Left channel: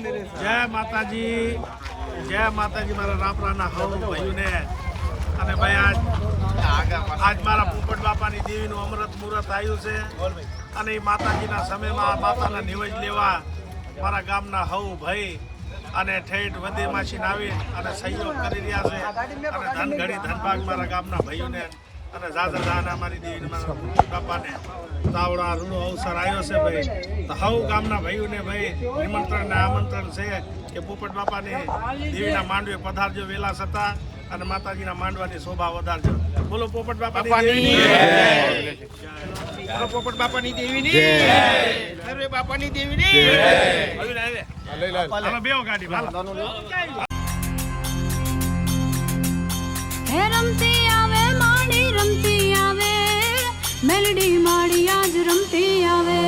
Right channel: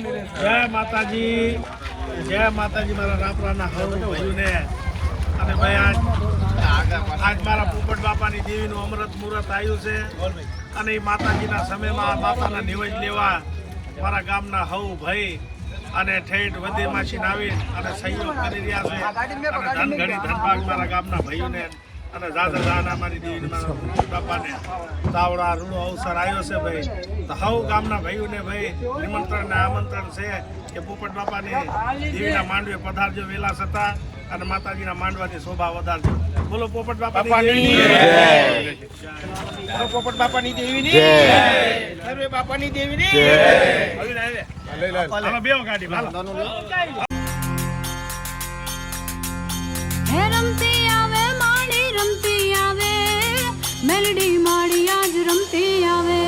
જય માતાજી, જય માતાજી મારા રાપરાના હવ ભાઈઓને. અને ભાઈ આજ મારા પોપટ બાપાની દેવીનું અમૃત મુહૂર્ત આવ્યું છે અને એ માતાજીના સમયમાં માતાના નિવેદ લેવા મારા ગામના હવ ભાઈ અને ઠેઠ વધેમાસીને આવી અને સહયોગ કરી રહ્યા છે. અને ધન ઘડી ધનભાગ મારા ગામના ભાઈઓને અને ઝાઝા ઝાના મારી દેવીને મારા બાપાને તાવડા રૂડો અવસર આવ્યો છે ભાઈ. તો હવ ગામના ભાઈઓને ભાઈ નિમંત્રણ ને આમંત્રણ છે કે પોપટ બાપાની દેવીના માંડવે પધારજો વેલા થતા અને માતાજીના માંડવાની શોભા વધારજો. બોલો પોપટ બાપાની બોલો પોપટ બાપાની દેવીની સર્વે બાપાની દેવીની. હાલો બેહો ગાડી હાલો. હે રમતી આવે માડી રમતી આવે મેલડી માડી આજ રમતી આવે.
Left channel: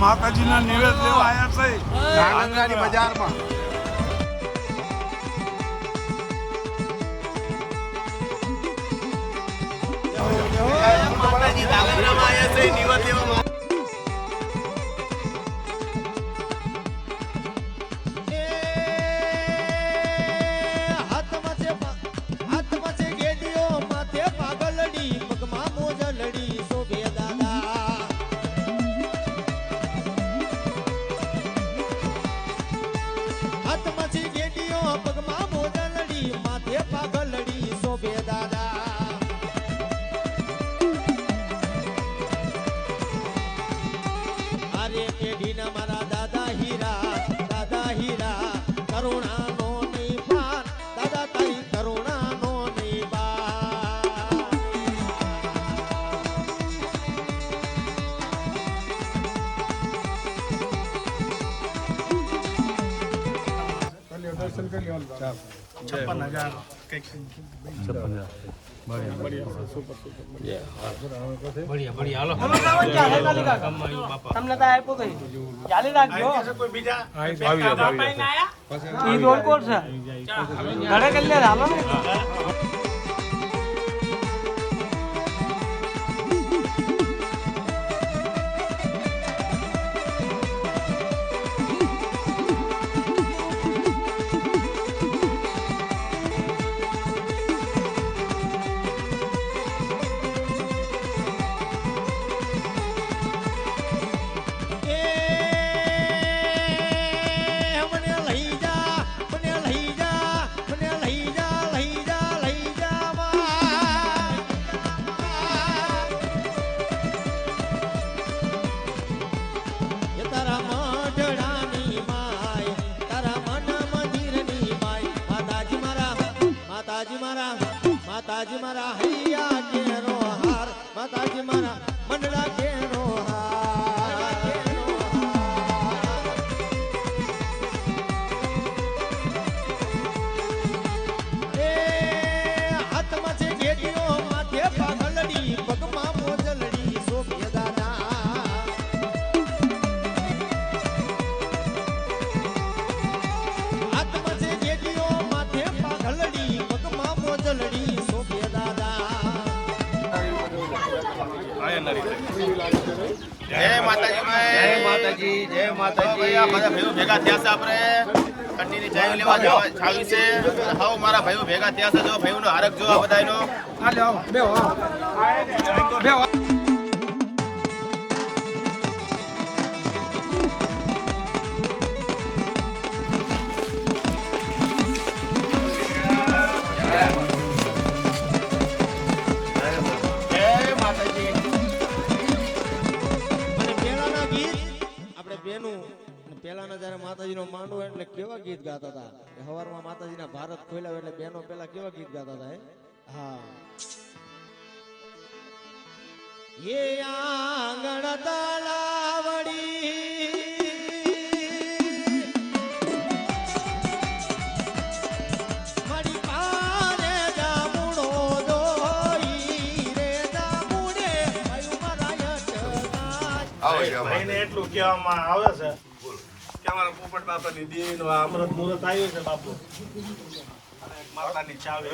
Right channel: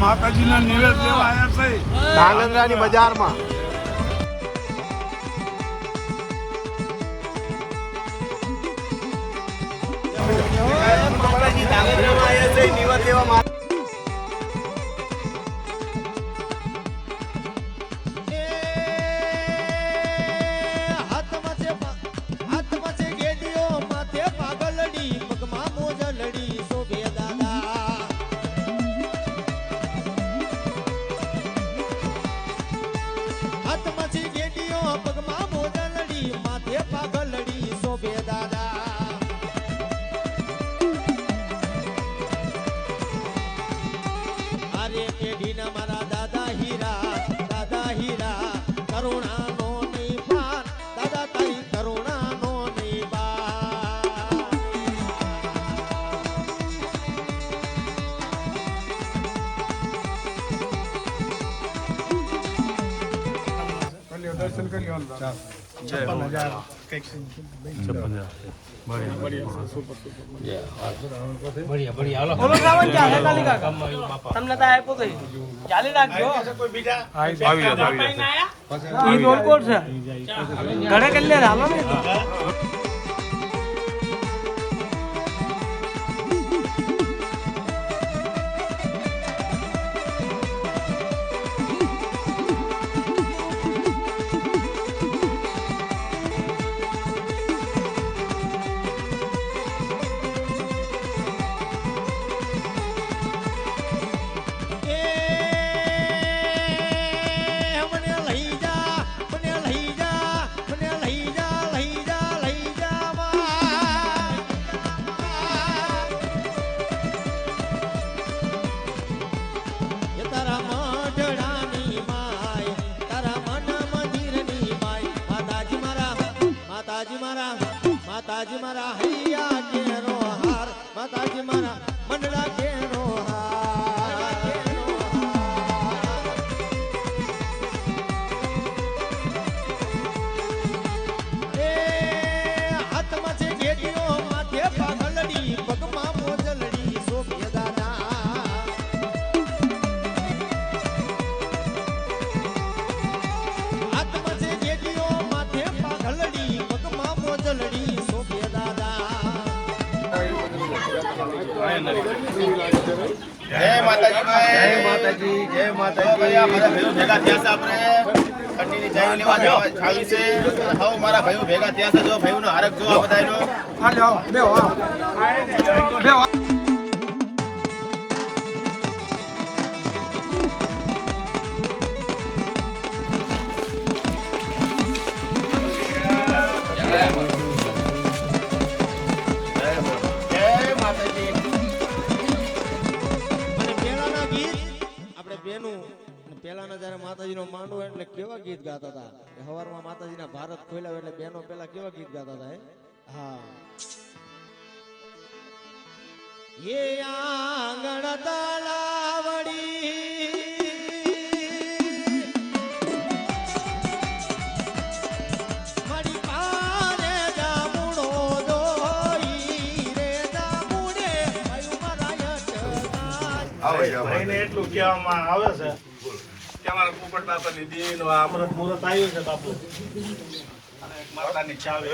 માતાજીના નિવેદ લેવા આવ્યા છે ધાંગધ્રાની બજારમાં. માતાજી ધાંગધ્રામાં આવ્યા છે નિવેદ લેવા. માતાજી મારા હૈયા કેરો હાર માતાજી મારા મંડળા કેરો હાર. એ હાથમાં છે ગેડીઓ માથે પાઘલડી પગમાં મોજલડી શોભે દાદા. હાથમાં છે ગેડીઓ માથે પાઘલડી પગમાં મોજલડી. જય માતાજી ભાઈ, જય માતાજી, જય માતાજી. આ મારા ભાઈઓ ભેગા થયા છે, આપણે ઠંડીની ચાવી લેવા ખાવી છે. હવે મારા ભાઈઓ ભેગા થયા છે, જો ભાઈઓનો હારક જો બધાનો. હાલો બેહો. પેલાના જયારે માતાજીનો માંડવો એટલે કેવા ગીત ગાતા હતા. સવારમાં માતાજીના ભારત ખોલ્યા એટલે બેનો પેલા કેવા ગીત ગાતા હતા. હા, એ આંગણ તલાવડી મારી પાને જામુણો દો એને એટલું કહેવામાં આવે છે કે અમારા પોપટ બાપાની દેવીનું આ અમૃત મુહૂર્ત આવ્યું છે બાપુ. માતાની ચાવી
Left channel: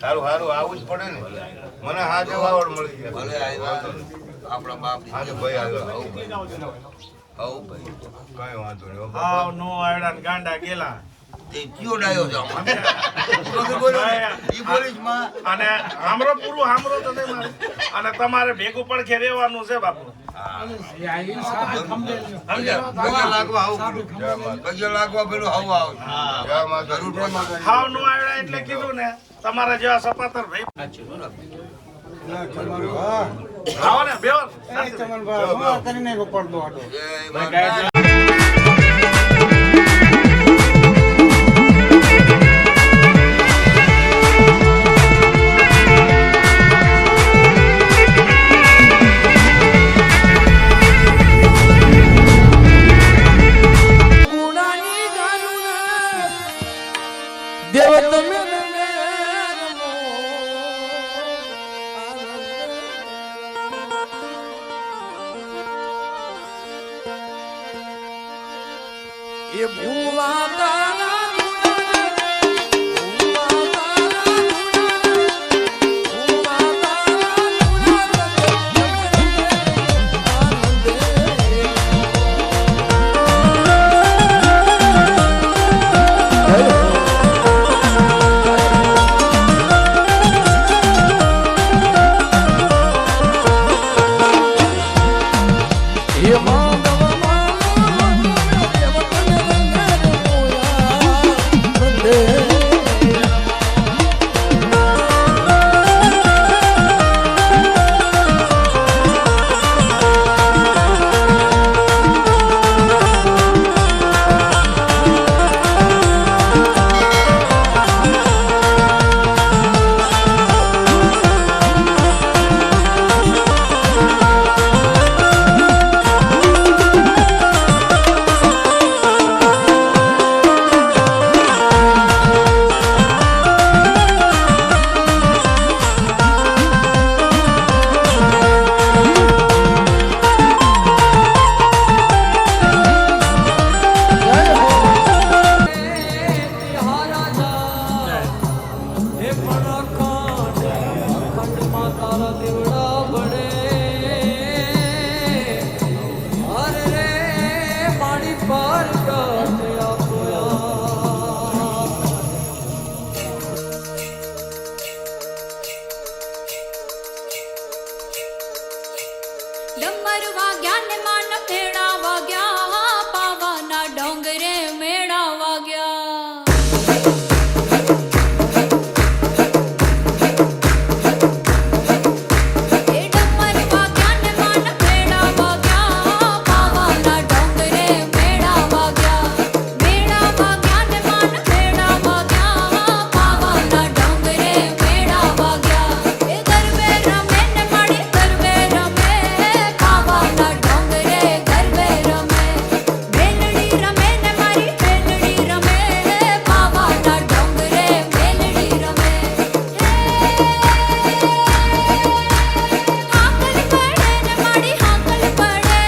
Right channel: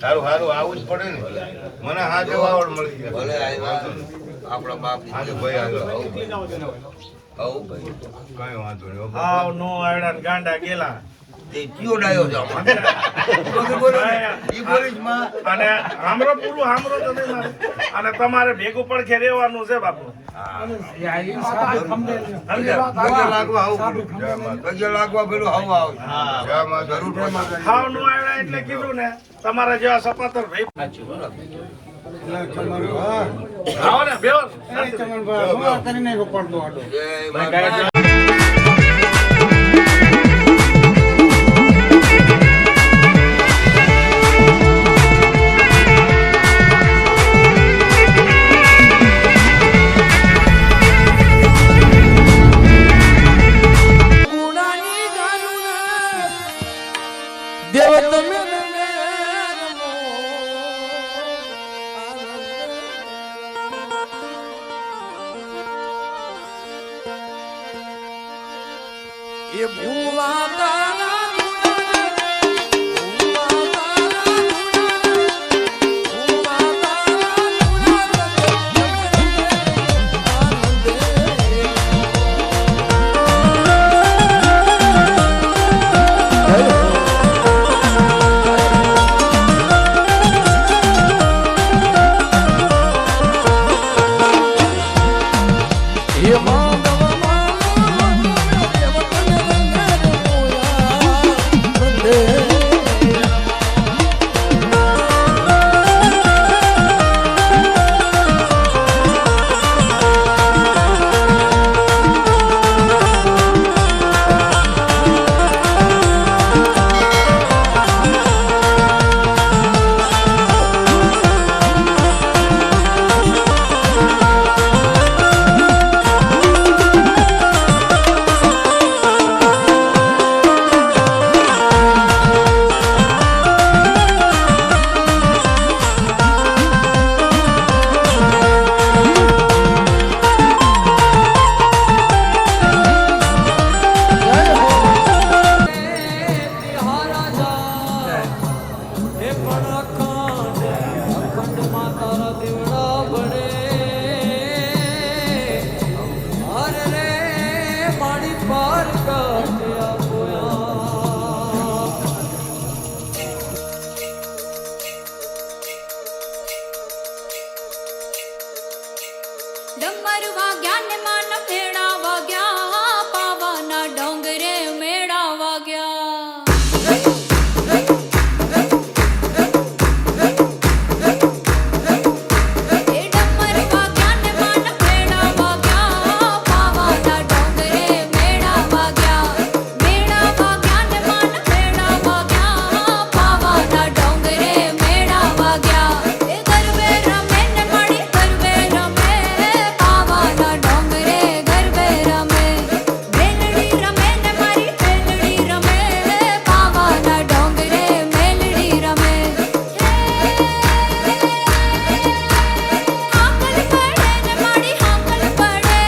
સારું સારું આવું જ પડે ને મને હા જવાવડ મળી ગયા ભલે આપણા બાપ આજે ભાઈ આગળ આવું નીકળી જાઓ જરા. આવું ભાઈ કઈ વાંધો નહીં હાવ નો આવડા ને ગાંડા ગેલા તે કયો ડાયો છે આમાં ઈ બોલીશ માં અને હામરો પૂરું હામરો તો નહીં મારે. અને તમારે ભેગું પડખે રહેવાનું છે બાપુ. પગે લાગવા આવું પગે લાગવા પેલું હવા આવે જરૂર પડે હાવ નો આવડા એટલે કીધું ને તમારા જેવા સપાતર ભાઈ આવો ને બેવો. જય માતા એ ભૂવા તારા ડમર વાગ્યા ને માન ભેડા વાગ્યા પાવાના ડોંગરે મેળા વાગ્યા એ ડમર વાગ્યા ને માન ભેડા વાગ્યા પાવાના ડોંગરે મેળા વાગ્યા મેળા વાગ્યા ને માન ભેડા વાગ્યા પાવાના ડોંગરે મેળા વાગ્યા એ ગરબે રમે ને માડી ગરબે રમે પાવાના ડોંગરે ગરબે રમે મેલડી રમે ને મારી મેલડી રમે પાવાના ડોંગરે મેલડી રમે હાકલ પડે ને માડી હાકલ પડે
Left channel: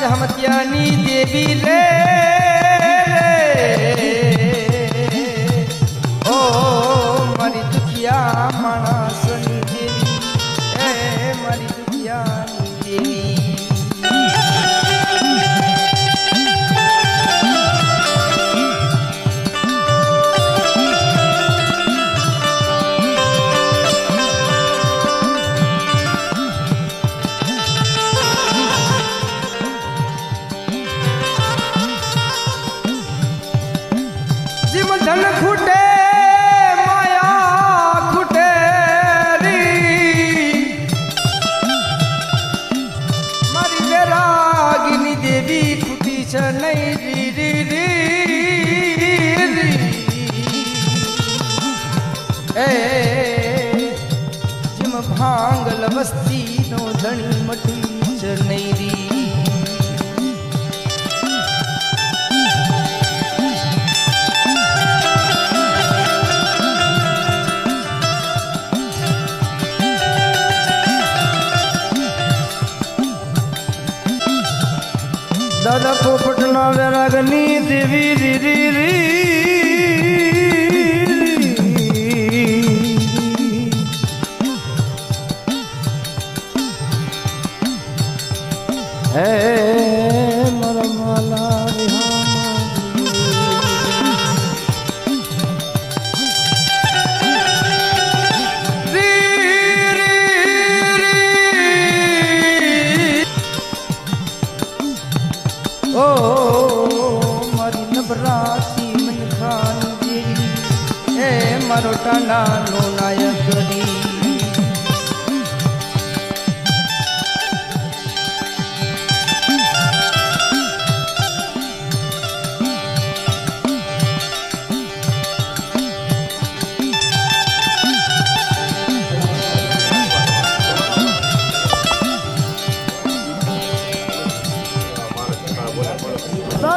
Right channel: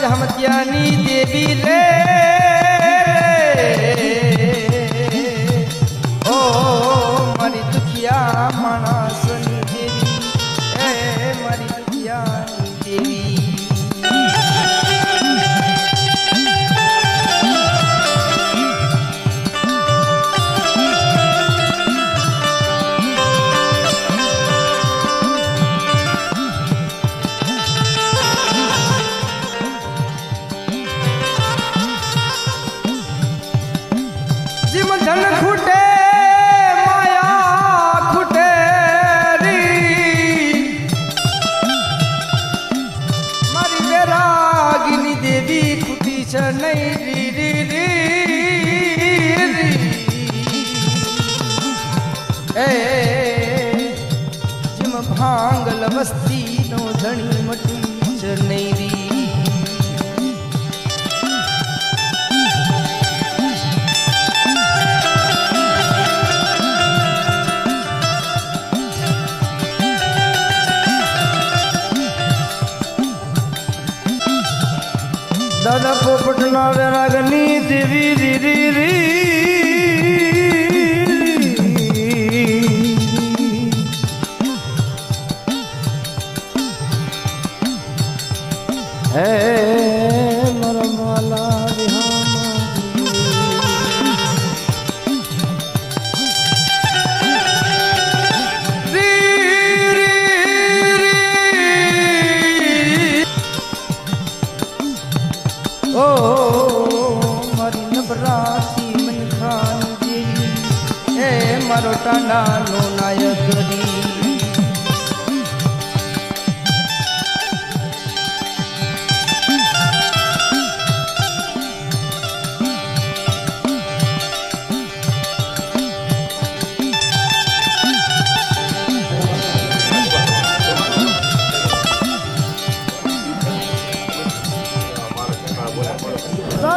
જમત્યાની દેવી રે ઓ મારી દુખિયા માણસની દેવી એ મારી દુખિયાની દેવી જીમ ધન ખૂટે માયા ખૂટે રી મારી વેરાગીની દેવી ખૂટી છે નહીં રી રી રી રી એ જીમ ભાંગલ વસ્તીનો ધણી મટી છે નહીં રી મારા પોપટના વેરાગની દેવી રી હે મારા માલા ઓ મારી નબરાતી મન ખાની દેવી હે મારો ટાણાનો નાયક ગરી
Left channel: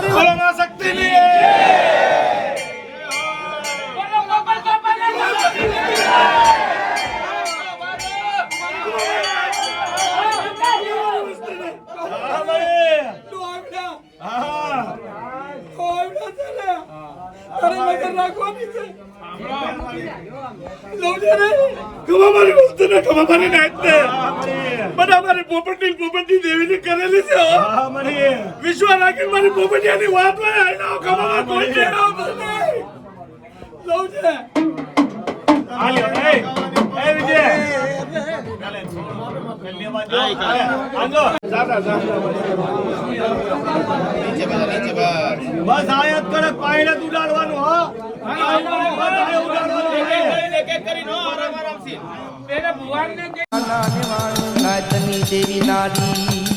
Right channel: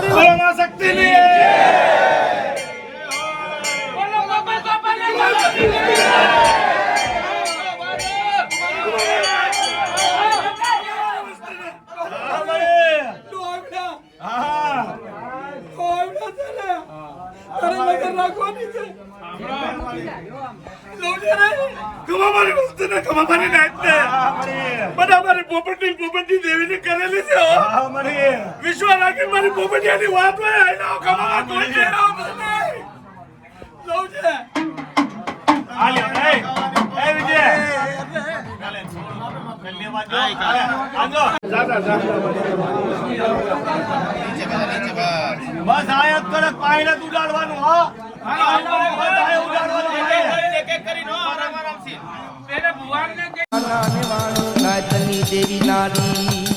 બોલો માં શક્તિની વિશ્વ રાખી મારી પોપટિયાની વાત હોય બસ આયાત કરે પાયને ઉડાડવાનું હા નાચની દેવી નારી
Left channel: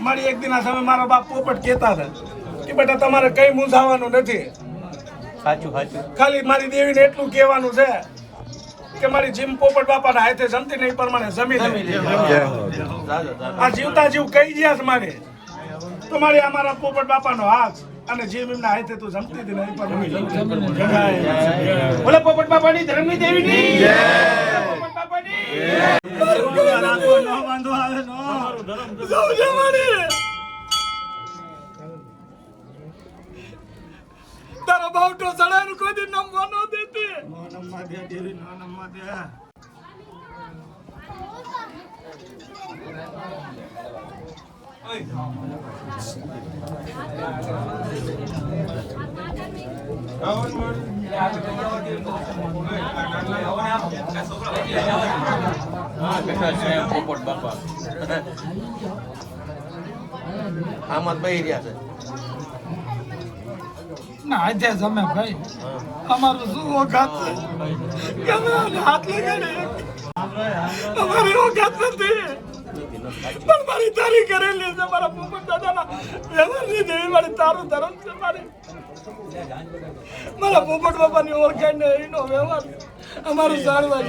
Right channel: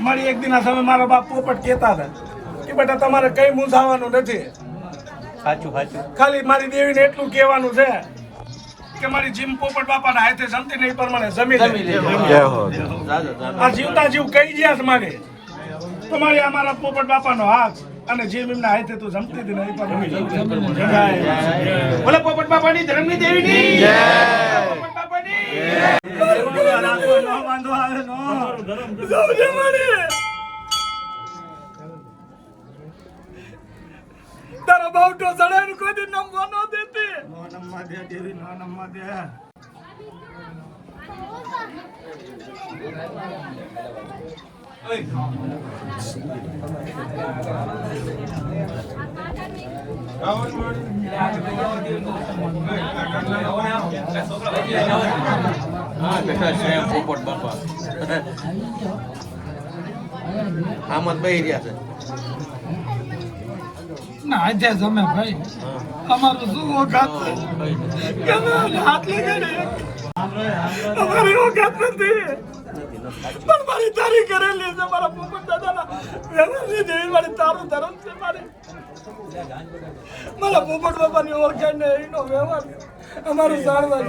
મારી એક દિન તમે મારા બાપ પોપટ કહેતા હતા કે બેટા તમારે કઈ મૂંઝાવાનું નથી. સાચું સાચું. ખાલી મારી દેવીને એટલું કહેવાનું છે કે મારી જીમ પોપટ બાપાના હાથે જમતી નહીં પ્રમાણે જમી આ જીવતા જીવ કઈ ગયા છે મારે તો મારી અમારા પોપટ બાપાનો હાથ અને જીમ એમના હાથે તું જમતી હતી નહીં પ્રમાણે બોલે પોપટ બાપાની ધર્મની દેવીની પોપટ બાપાની વાંધો આવે નો તારા બાવટો સડાનું કોઈ દી નમવા ન દેતી નો નમવા દે દેવી નો નમવા દે પોપટ બાપા આમાં બહી રહ્યા છે ના આજે જમે ભાઈ અમારું શું ઓકાત છે હાથ લગાડે અમારી ઓકાત નથી પણ મારી તારી કરેલી છે મારા પોપટ દાદાના વ્યવહારની જેવી મારી તારું ધર્મ છે મારે મારા પોપટ બાપાની ઓળખાણ ને એનો વ્યવહાર અમારું સારવાર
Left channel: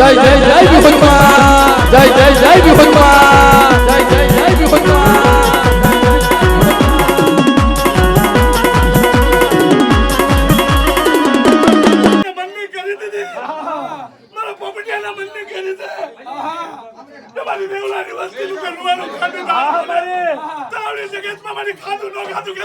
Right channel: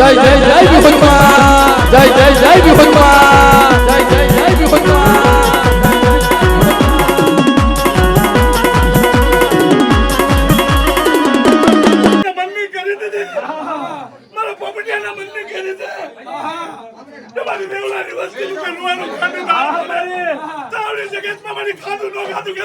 જય જય જય વિહુતમાં જય જય જય વિહુતમાં જય જય જય મનની કરી દીધી મારા પોપટિયાના મનની કરી દીધી તમારી દેવલાની વસ્તીનું કરવાનું ખાધું ના મારી તાવડી જગતમાં મારી ખાધું ન ખાધું કે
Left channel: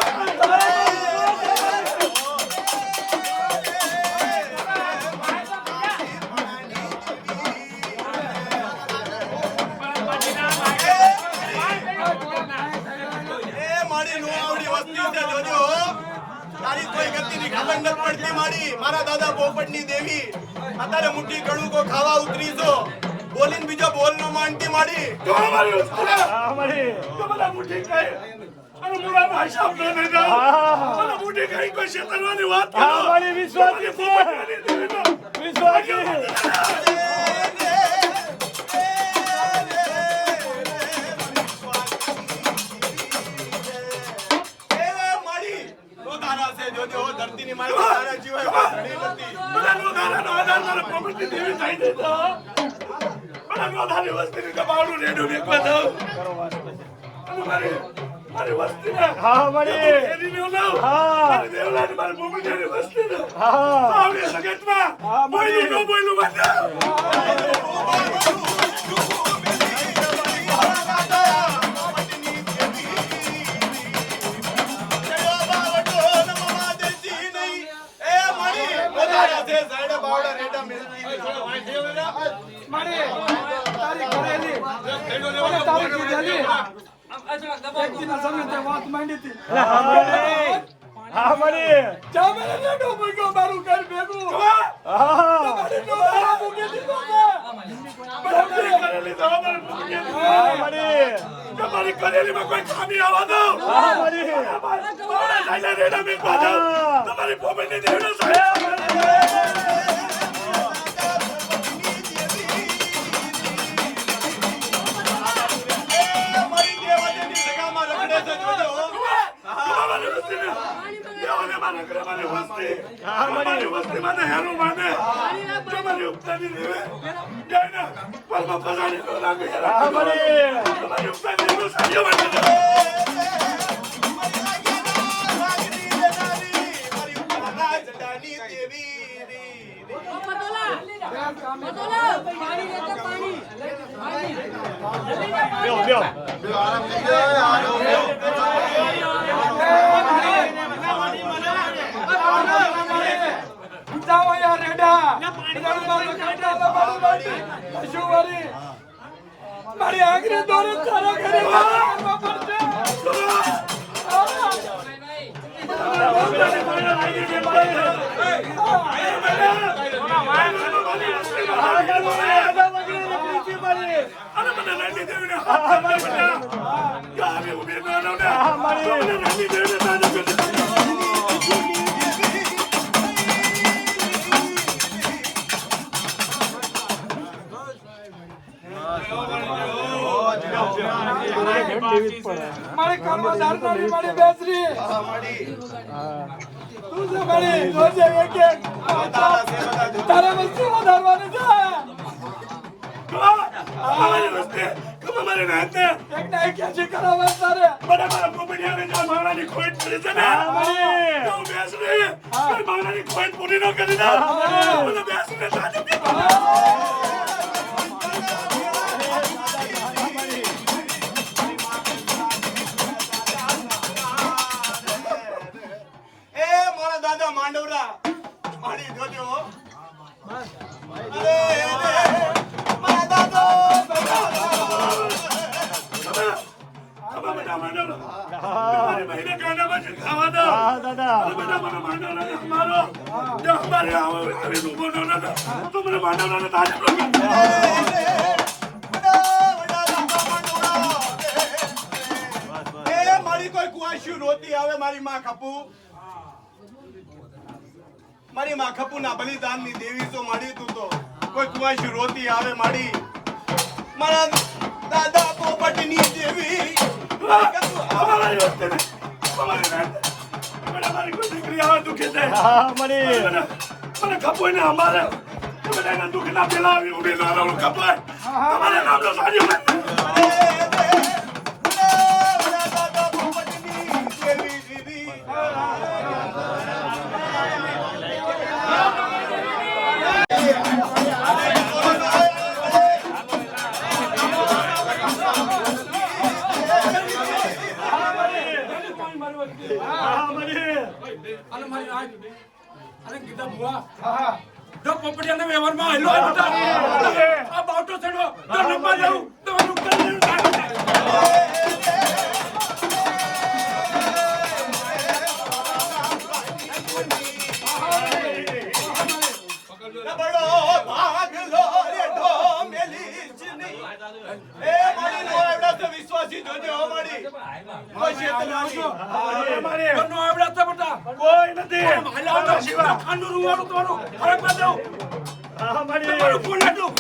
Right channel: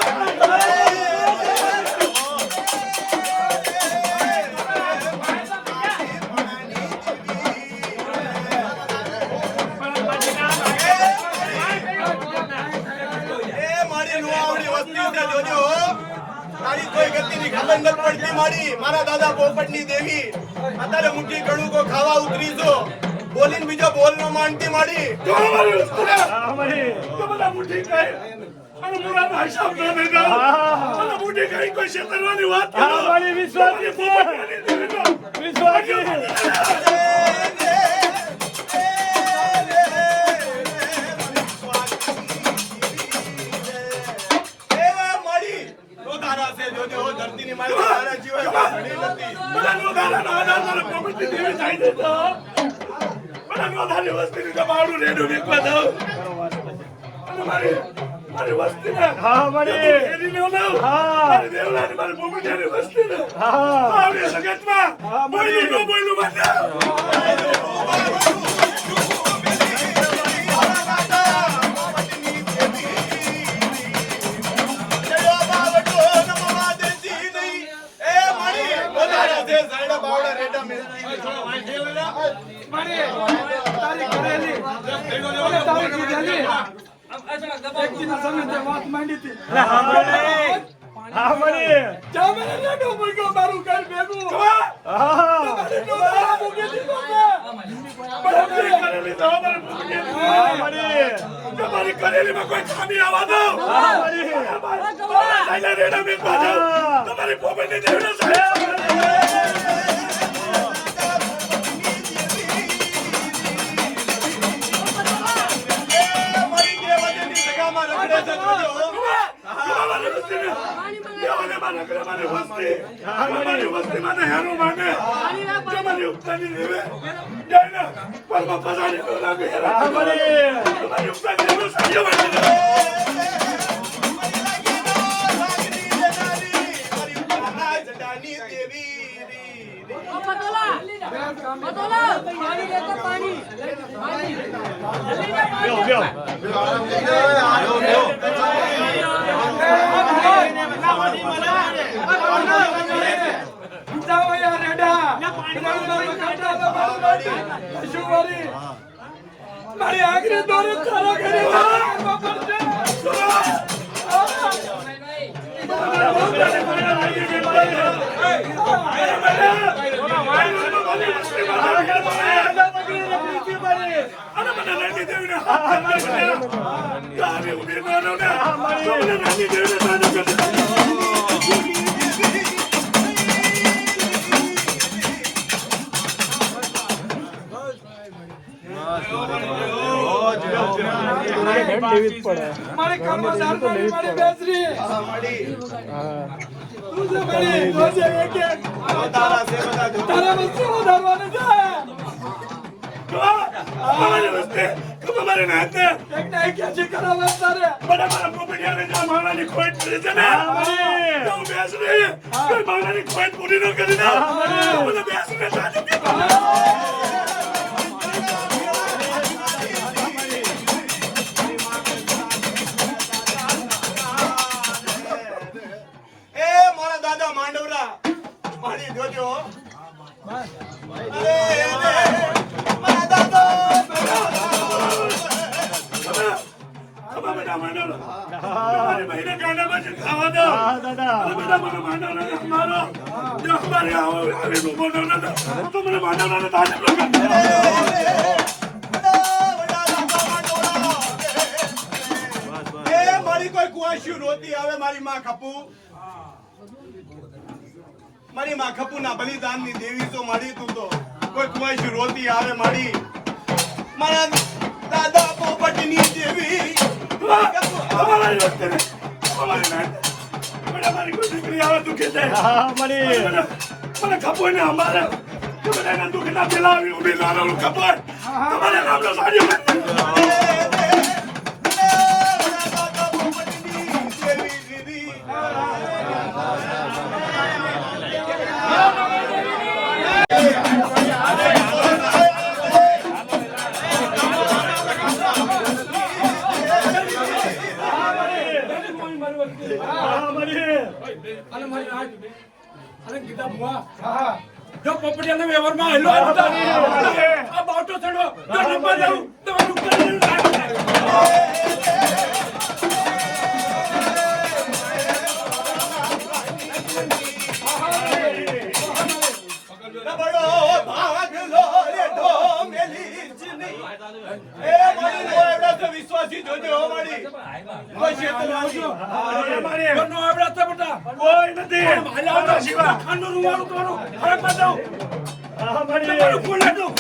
મારા દાદા પોપટની દેવી અત્યારે મુઠ્ઠી કણું કો ખાવા ઉતરી છો બોલીને બીજો બોલ નો માનતી માડી તમારી વસ્તીના મારી તમારા મુઠી કહે અને મુરા ભાષા ન દેગા અને મુઠી કહી કોઈ શેતરવાની વાત કરો મારી વિશ્વાસી વિશ્વાસી તમારી કરેલીમાં કોઈ ખામી આવવા દો તમારી પોપટની દેવનો મારી આખરી દોરો ચાલો કરી મારા દાદા બધા માંડો તમારી બહેને કાનામાં જ ખાવા દો બધા મને માંડો ને મારો જો અમારે આવી ઉભો ન તો મને માંડો ને તારે મારી કોઈ કુવાશ્યું નહોતી આવે મારી માં ખપુ મારી માં ખપુ ના બલિદાનની દેવી તો મળી તું તો કોઈ કુવાશ્યું રોતી આવે મારી મારા દાદા પોપટની દેવી મારી કોઈ દીકરી આવે દુખે છે મને ખબર ને અમારે બધાના દુઃખ ના પેલા ઉભી નાનું ખબર તમારે નામનો સાજો વિશ્વાસી જોજે હો મારી કોઈ નથી ખાંડું રૂવાનું તોડું હવે પાછું તમારું કોણ હતું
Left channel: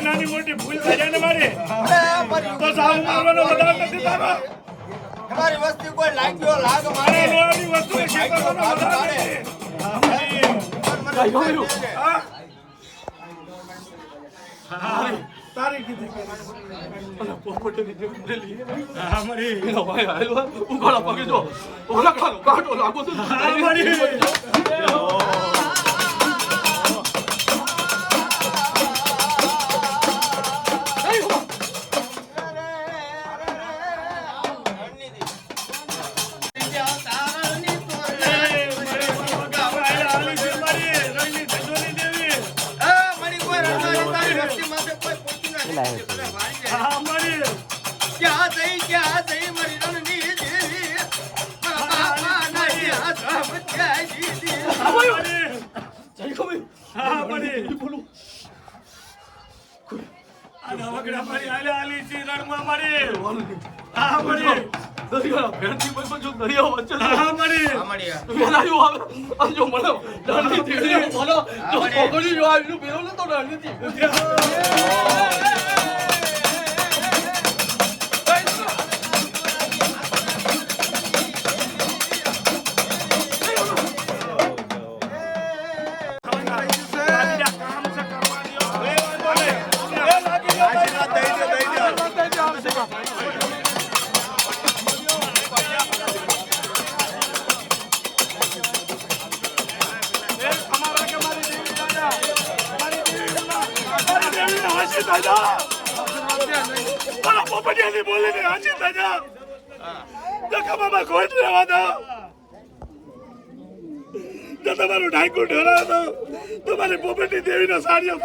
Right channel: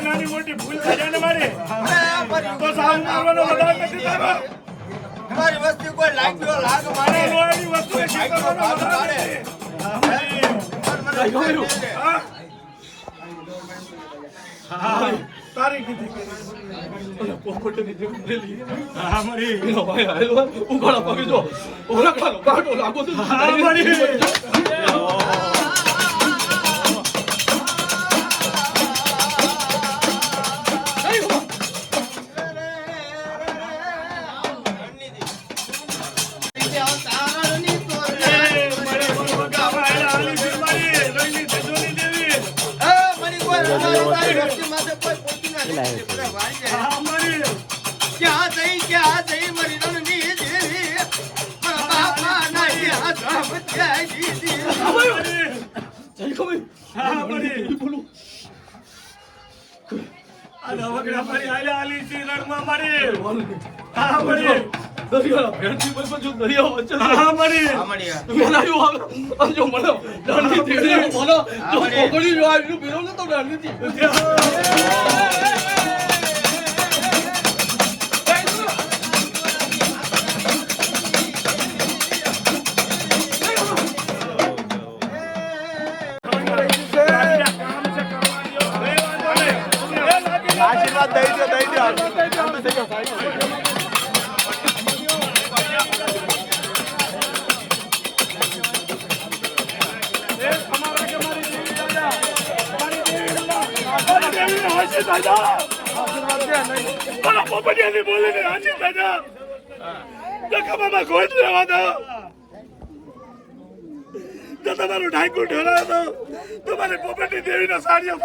નાની મોટી ભૂલ થઈ જાય ને મારી તો સાવ મારવાનો વધાર નથી તારો તમારી વસ્તુ કોઈ લાગ્યો લાગ મારે લોહાની વસ્તુ શીખવાનો વધાર નથી. તારી કીધી હા મરી ઉઘાડા પગે જો ઉઘાડા કાઢો લાગો તો આશીર્વાદ દઈ દો તમારું ઢાંકું ઢોળાવો તમારી પોપટી દેવીના સાડીઓ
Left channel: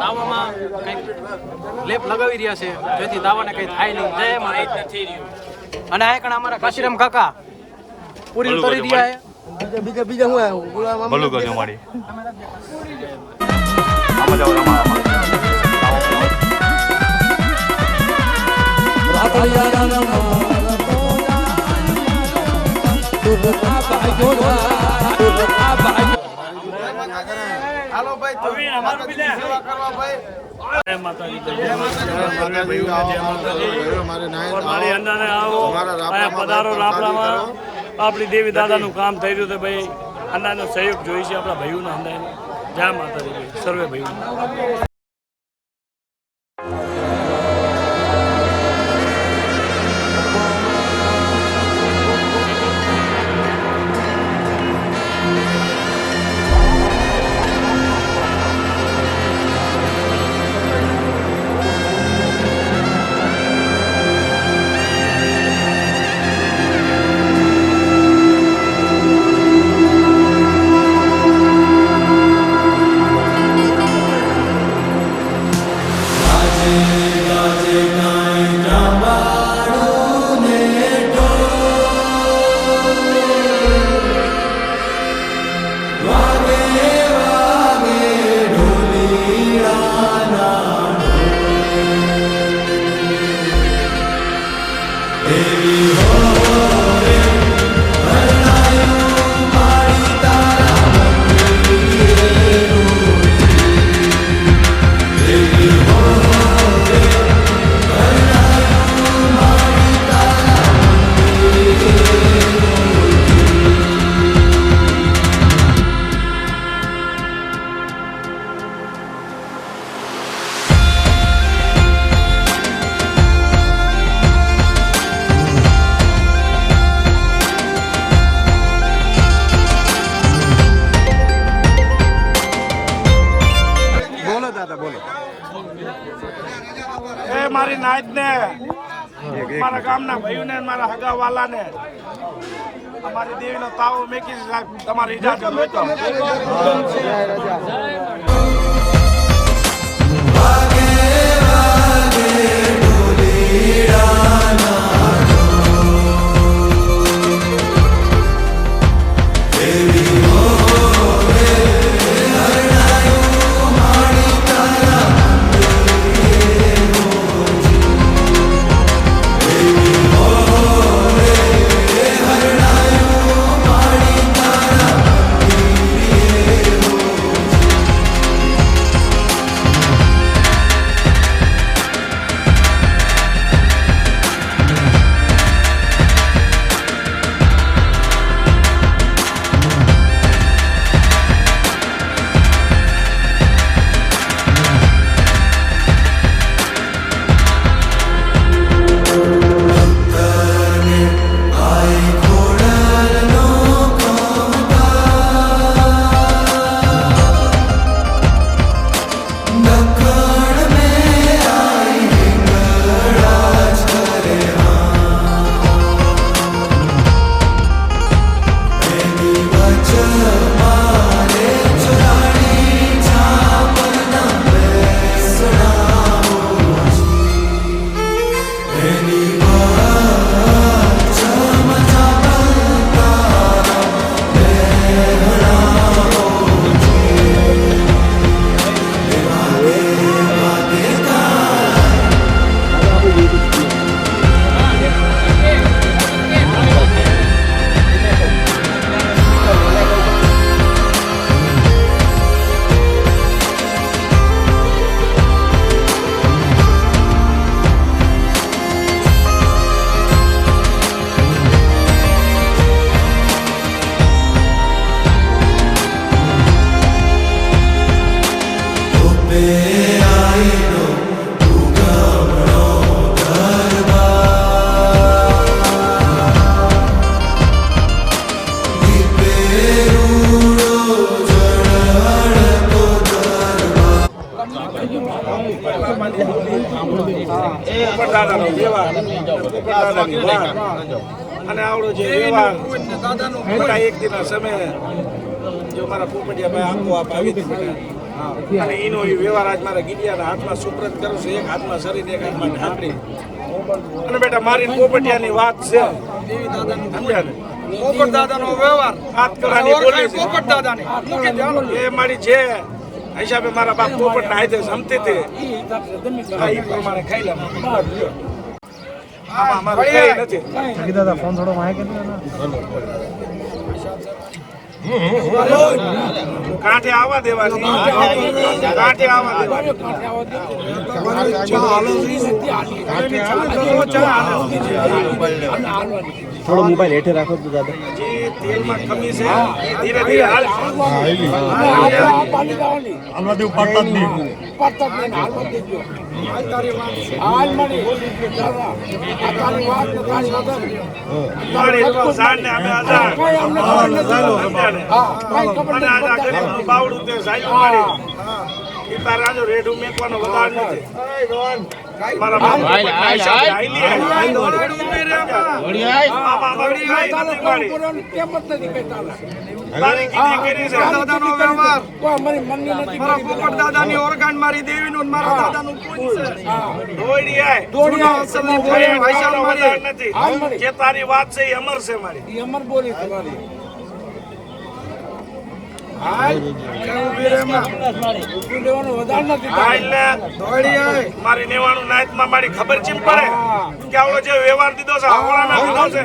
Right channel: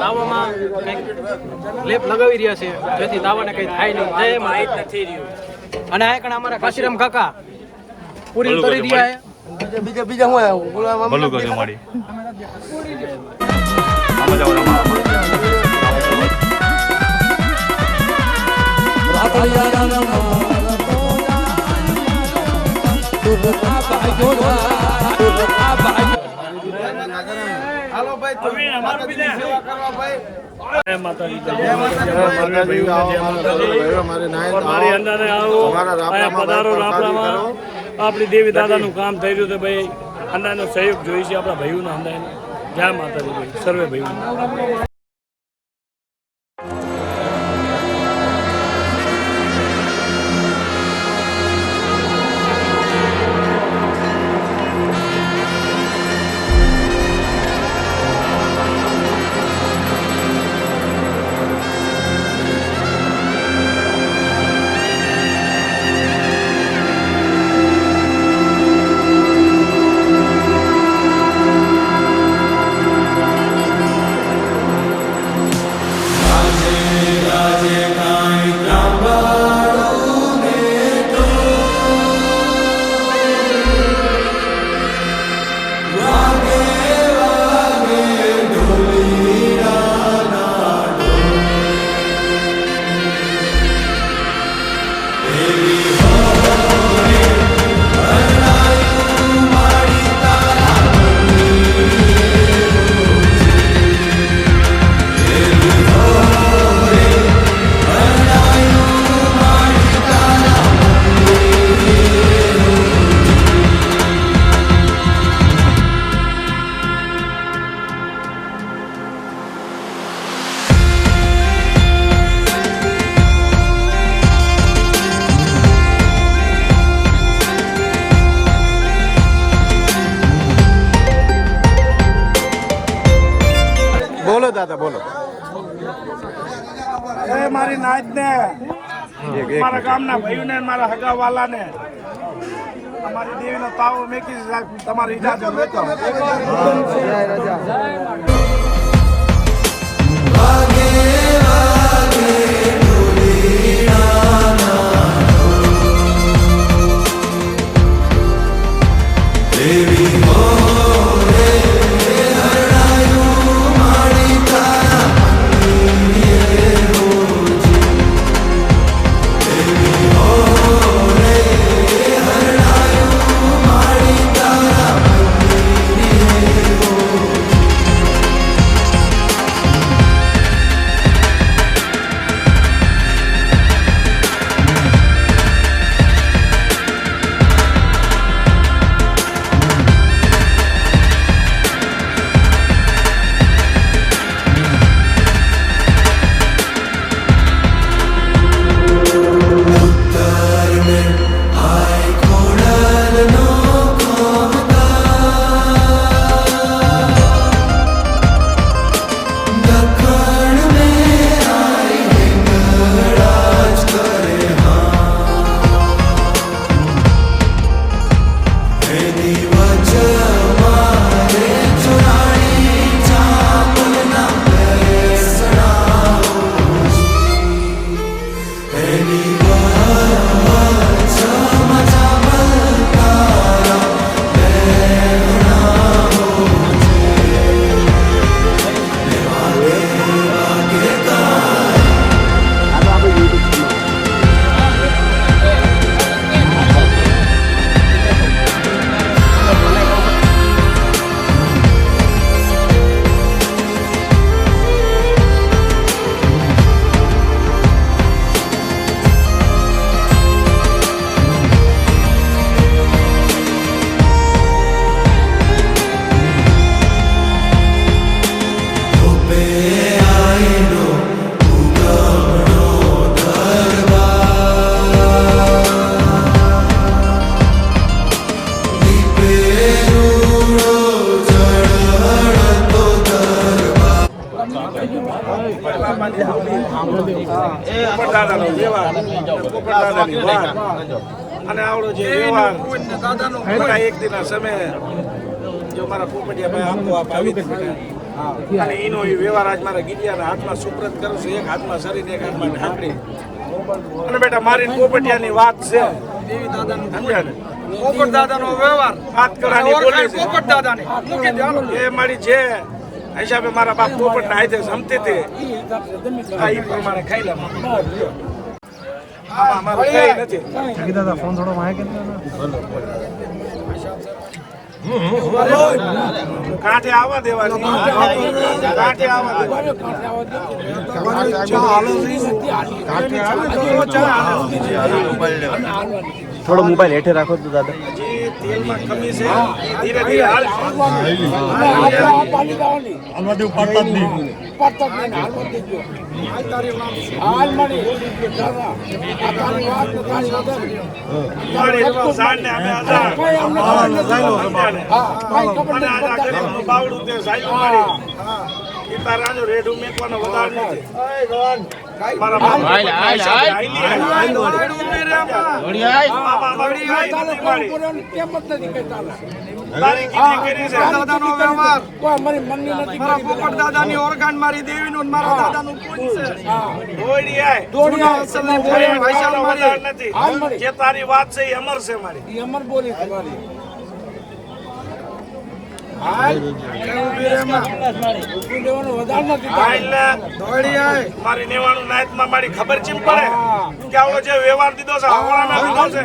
તાવામાં કંઈક લેપ લગાવી રહ્યા છે જેથી તાવાને કંઈ થાય નહીં. જય માતા થઈ રહ્યું. અને આ કણ અમારા કાશીરામ કાકા પૂરી કરી રહ્યા છે. બીજા મોડા ભલું કર્યું મારી હાલો ભાઈ માતાજીની સેવા કરવા ભાઈ. જય માતાજી જય માતાજી. મારી અંડાને આવો અમારા રાપરામાં પધારો ભાઈ પ્રસાદી રાપરામાં. કરો. આપણી દેવી દાદાનું કામ થઈ ગયું તો ભાઈ અંડાનો સહયોગ જોઈએ છે આપણા ભાઈઓના અંડાને. જય માતાજી ભાઈ સર્વે ભાઈઓ. બોલો દાદા બોલો. એ મારી નાઈટ ને મારા ગામના ભાઈઓને મારા હગાવાલાને અમારી દેવીનો તાવો મેકી તમારી ઇજાજત હોય તો દાદાનો વ્યવહાર, દાદાની વાત અને આવડો જે વ્યવહાર મોટા એક દિના સમયે જો મારા પોપટિયા ભાઈ આપો આપ આવી જ બેઠા અને એનો એ વ્યવહાર આજ મારા ગીડિયાના હાથમાં સુપ્રત કરું છું. એક હાથમાં શરીર, એક હાથમાં ઢાંકણી. અને બેટા મારી પોપટિયાની વાત છે, સમજ્યા ને? પોપટ દાદાનો વ્યવહાર હાથકડાની બોલી છે. પોપટ દાદાની એ મારી છે હિસાબે મારા બાપ પોપટ ના હાથે જમતી હતી આ ઈ પ્રમાણે ખાઈ લે. આમાં મારું કઈ નથી. કાંઠે આવવા દેવાની, કાંઠે આવવા દેવાની. થોડો મોબાઈલ હેઠે રાખો તો દાદા. હજી તેલમાં કમી છે, ધીરે ધીરે હાલશે. મારી તો ઝાડને અમે આઝાદ. અને આ ગરીબનું બાવડું તે સાયું મારી. ઈ તારાનું રેઢું મેકવાનો વધાર નથી. મારા બાપ આઈલી આમાં મારું કાંઈ નથી મારી. તારી કીધી કરી છે. દાદાનો વ્યવહાર મારા પોપટ દાદાની ઓળખાણ, મારી દેવીનું ને મારા દાદાનું પૂજ છે. દોડી આય. અસલની ફરી ભાષાનો વધાર નથી. જે તારી વાત છે એ અમર છે મારી. અમર બોલી તમારી. મારી નેવાનું નાયતમાં મારી ખબર ચીમ પડે કે આવડો જે વ્યવહાર દીધો છે આવડાના દીધો છે.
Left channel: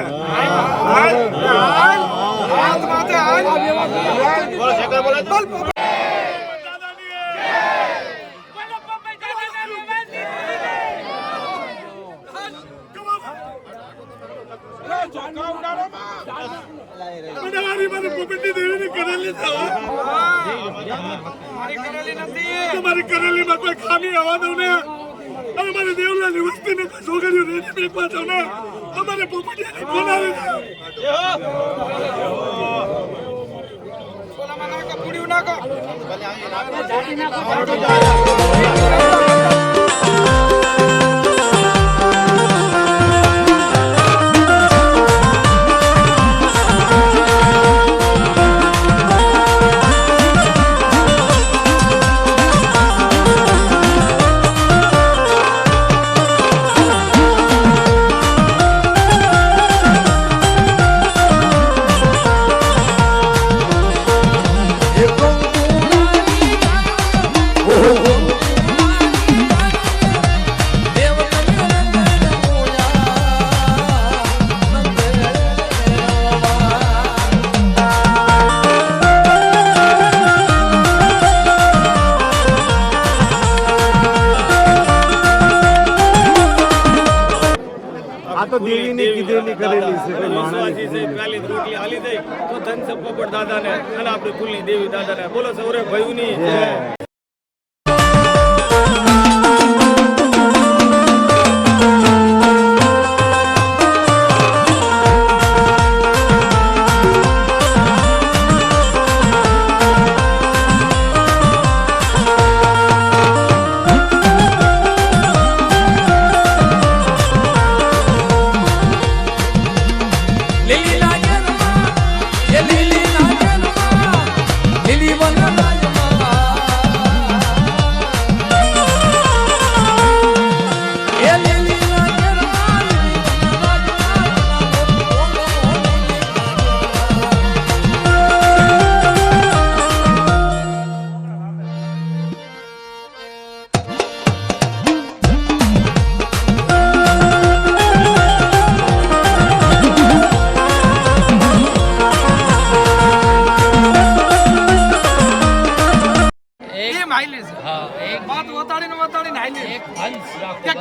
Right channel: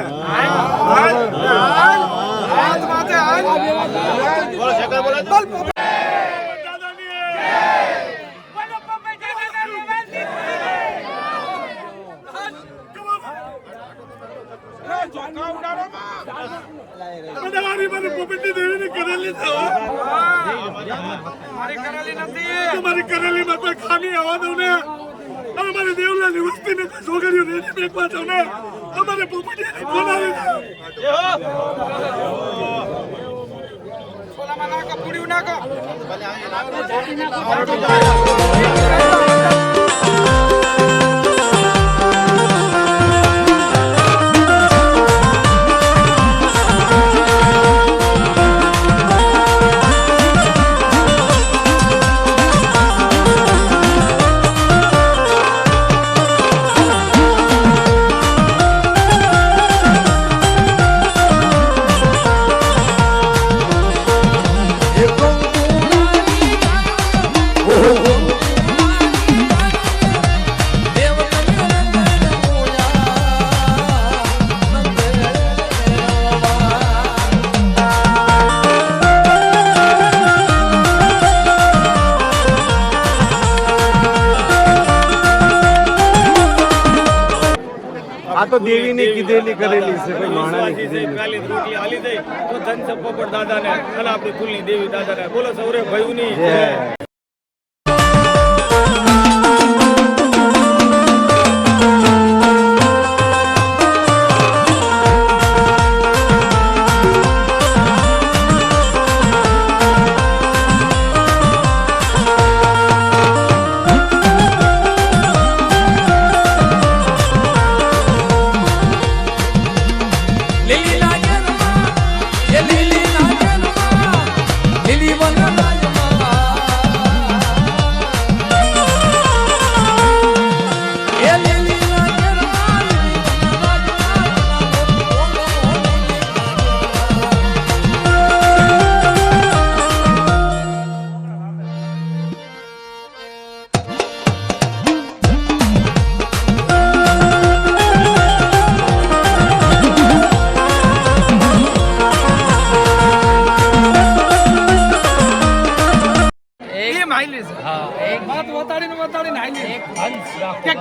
મારી કરેલીમાં કોઈ ખામી આવવા દઉં ને, અમારી દેવલાની વસ્તીને કોઈ છોકરીઓ રેડી મેકવા દઉં ને, અમારે પોપટિયાની બોલાવી દો. આ તો દેવીની કીધેલી કરેલી છે ભાઈ. માણાજી છે, કાલી રોટલી હાલી દઈ તો ધન છે પોપટ દાદાને અને આપણી કુલની દેવી દાદાને. બોલો સૌરે ભાઈઓની જય.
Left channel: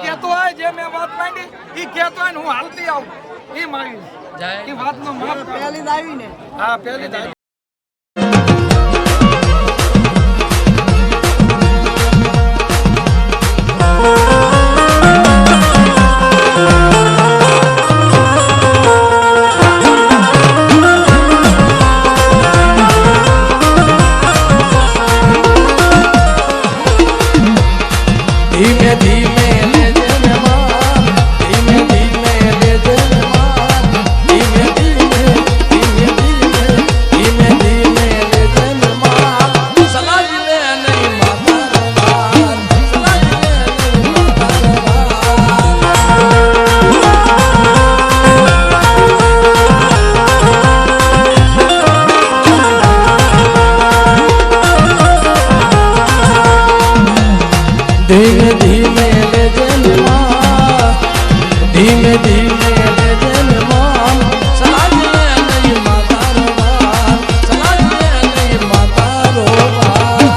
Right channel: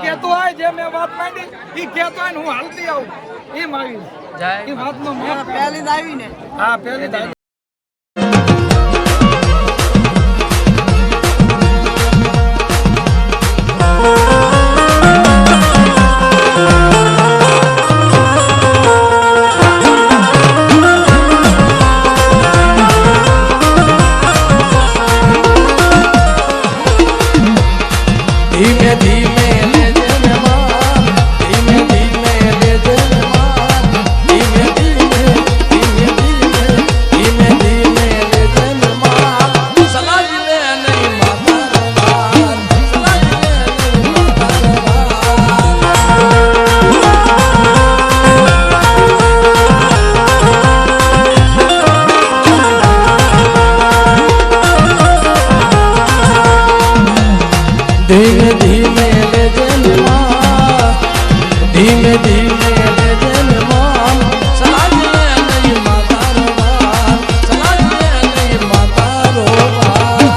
કેતો હોય જે મેં વાત માંગી ઈ કેતો હોય હું હાલતી આવું એ માગી એ વાતનો માફ હા પહેલી ધીમે ધીમે લેજે ને માન ધીમે ધીમે લેજે ને માન ધીમે ધીમે ધીમે ધીમે ધીમે ધીમે લેજે ને માન સલાજી લે નહીં માતા રવાન સલાજી લે નહીં ધીમે ધીમે લેજે ને માન ધીમે ધીમે લેજે ને માન સલાજી લે નહીં માતા રવાન સલાજી લે નહીં માતા રવાન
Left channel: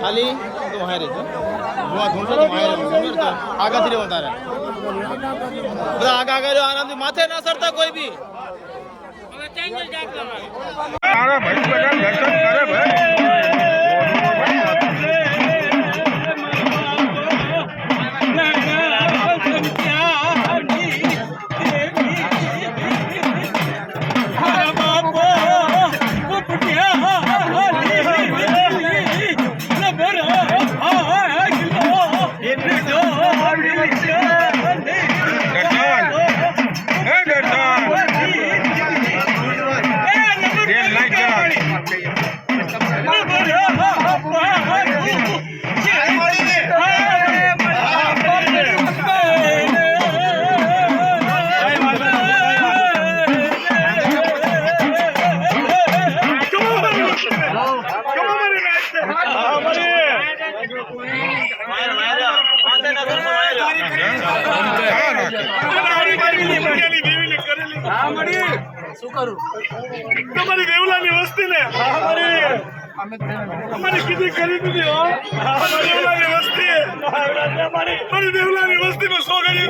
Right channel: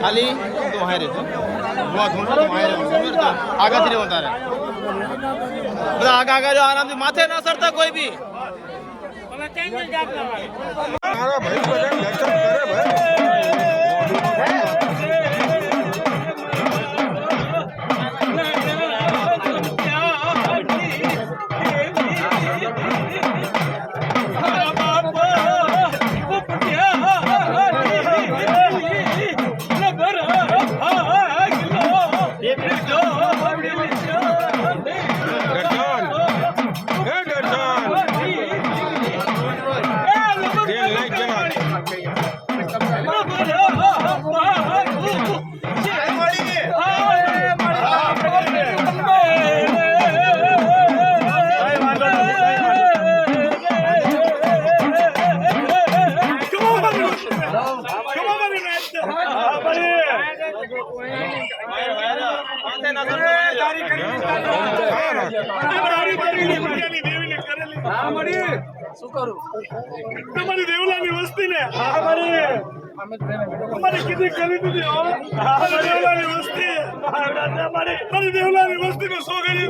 ખાલી તો હોય રે જો ધોણો આગળથી વધારે બધા આગળ જો આરામથી માથે ના સરતા કોઈ બી તમારી દેવલાની વસ્તી ને અમારી કીધી કરી દીધી હો દેવલાની વસ્તી મારી દેવલાની વસ્તી માં સોગડી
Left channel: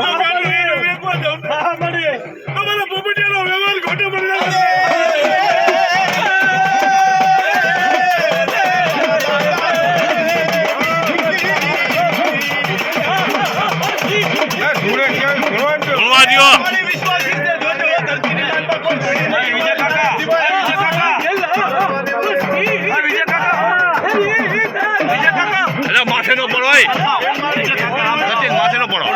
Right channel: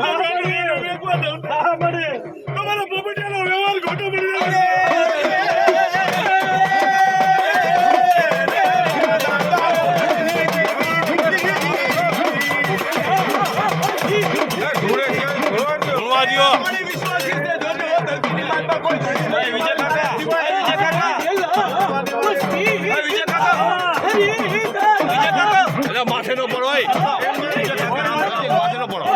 વેચવા દઉં તમારા પોપટિયાનો વ્યવહાર ખોટો કરી માથે નો પડો માથે નો પડો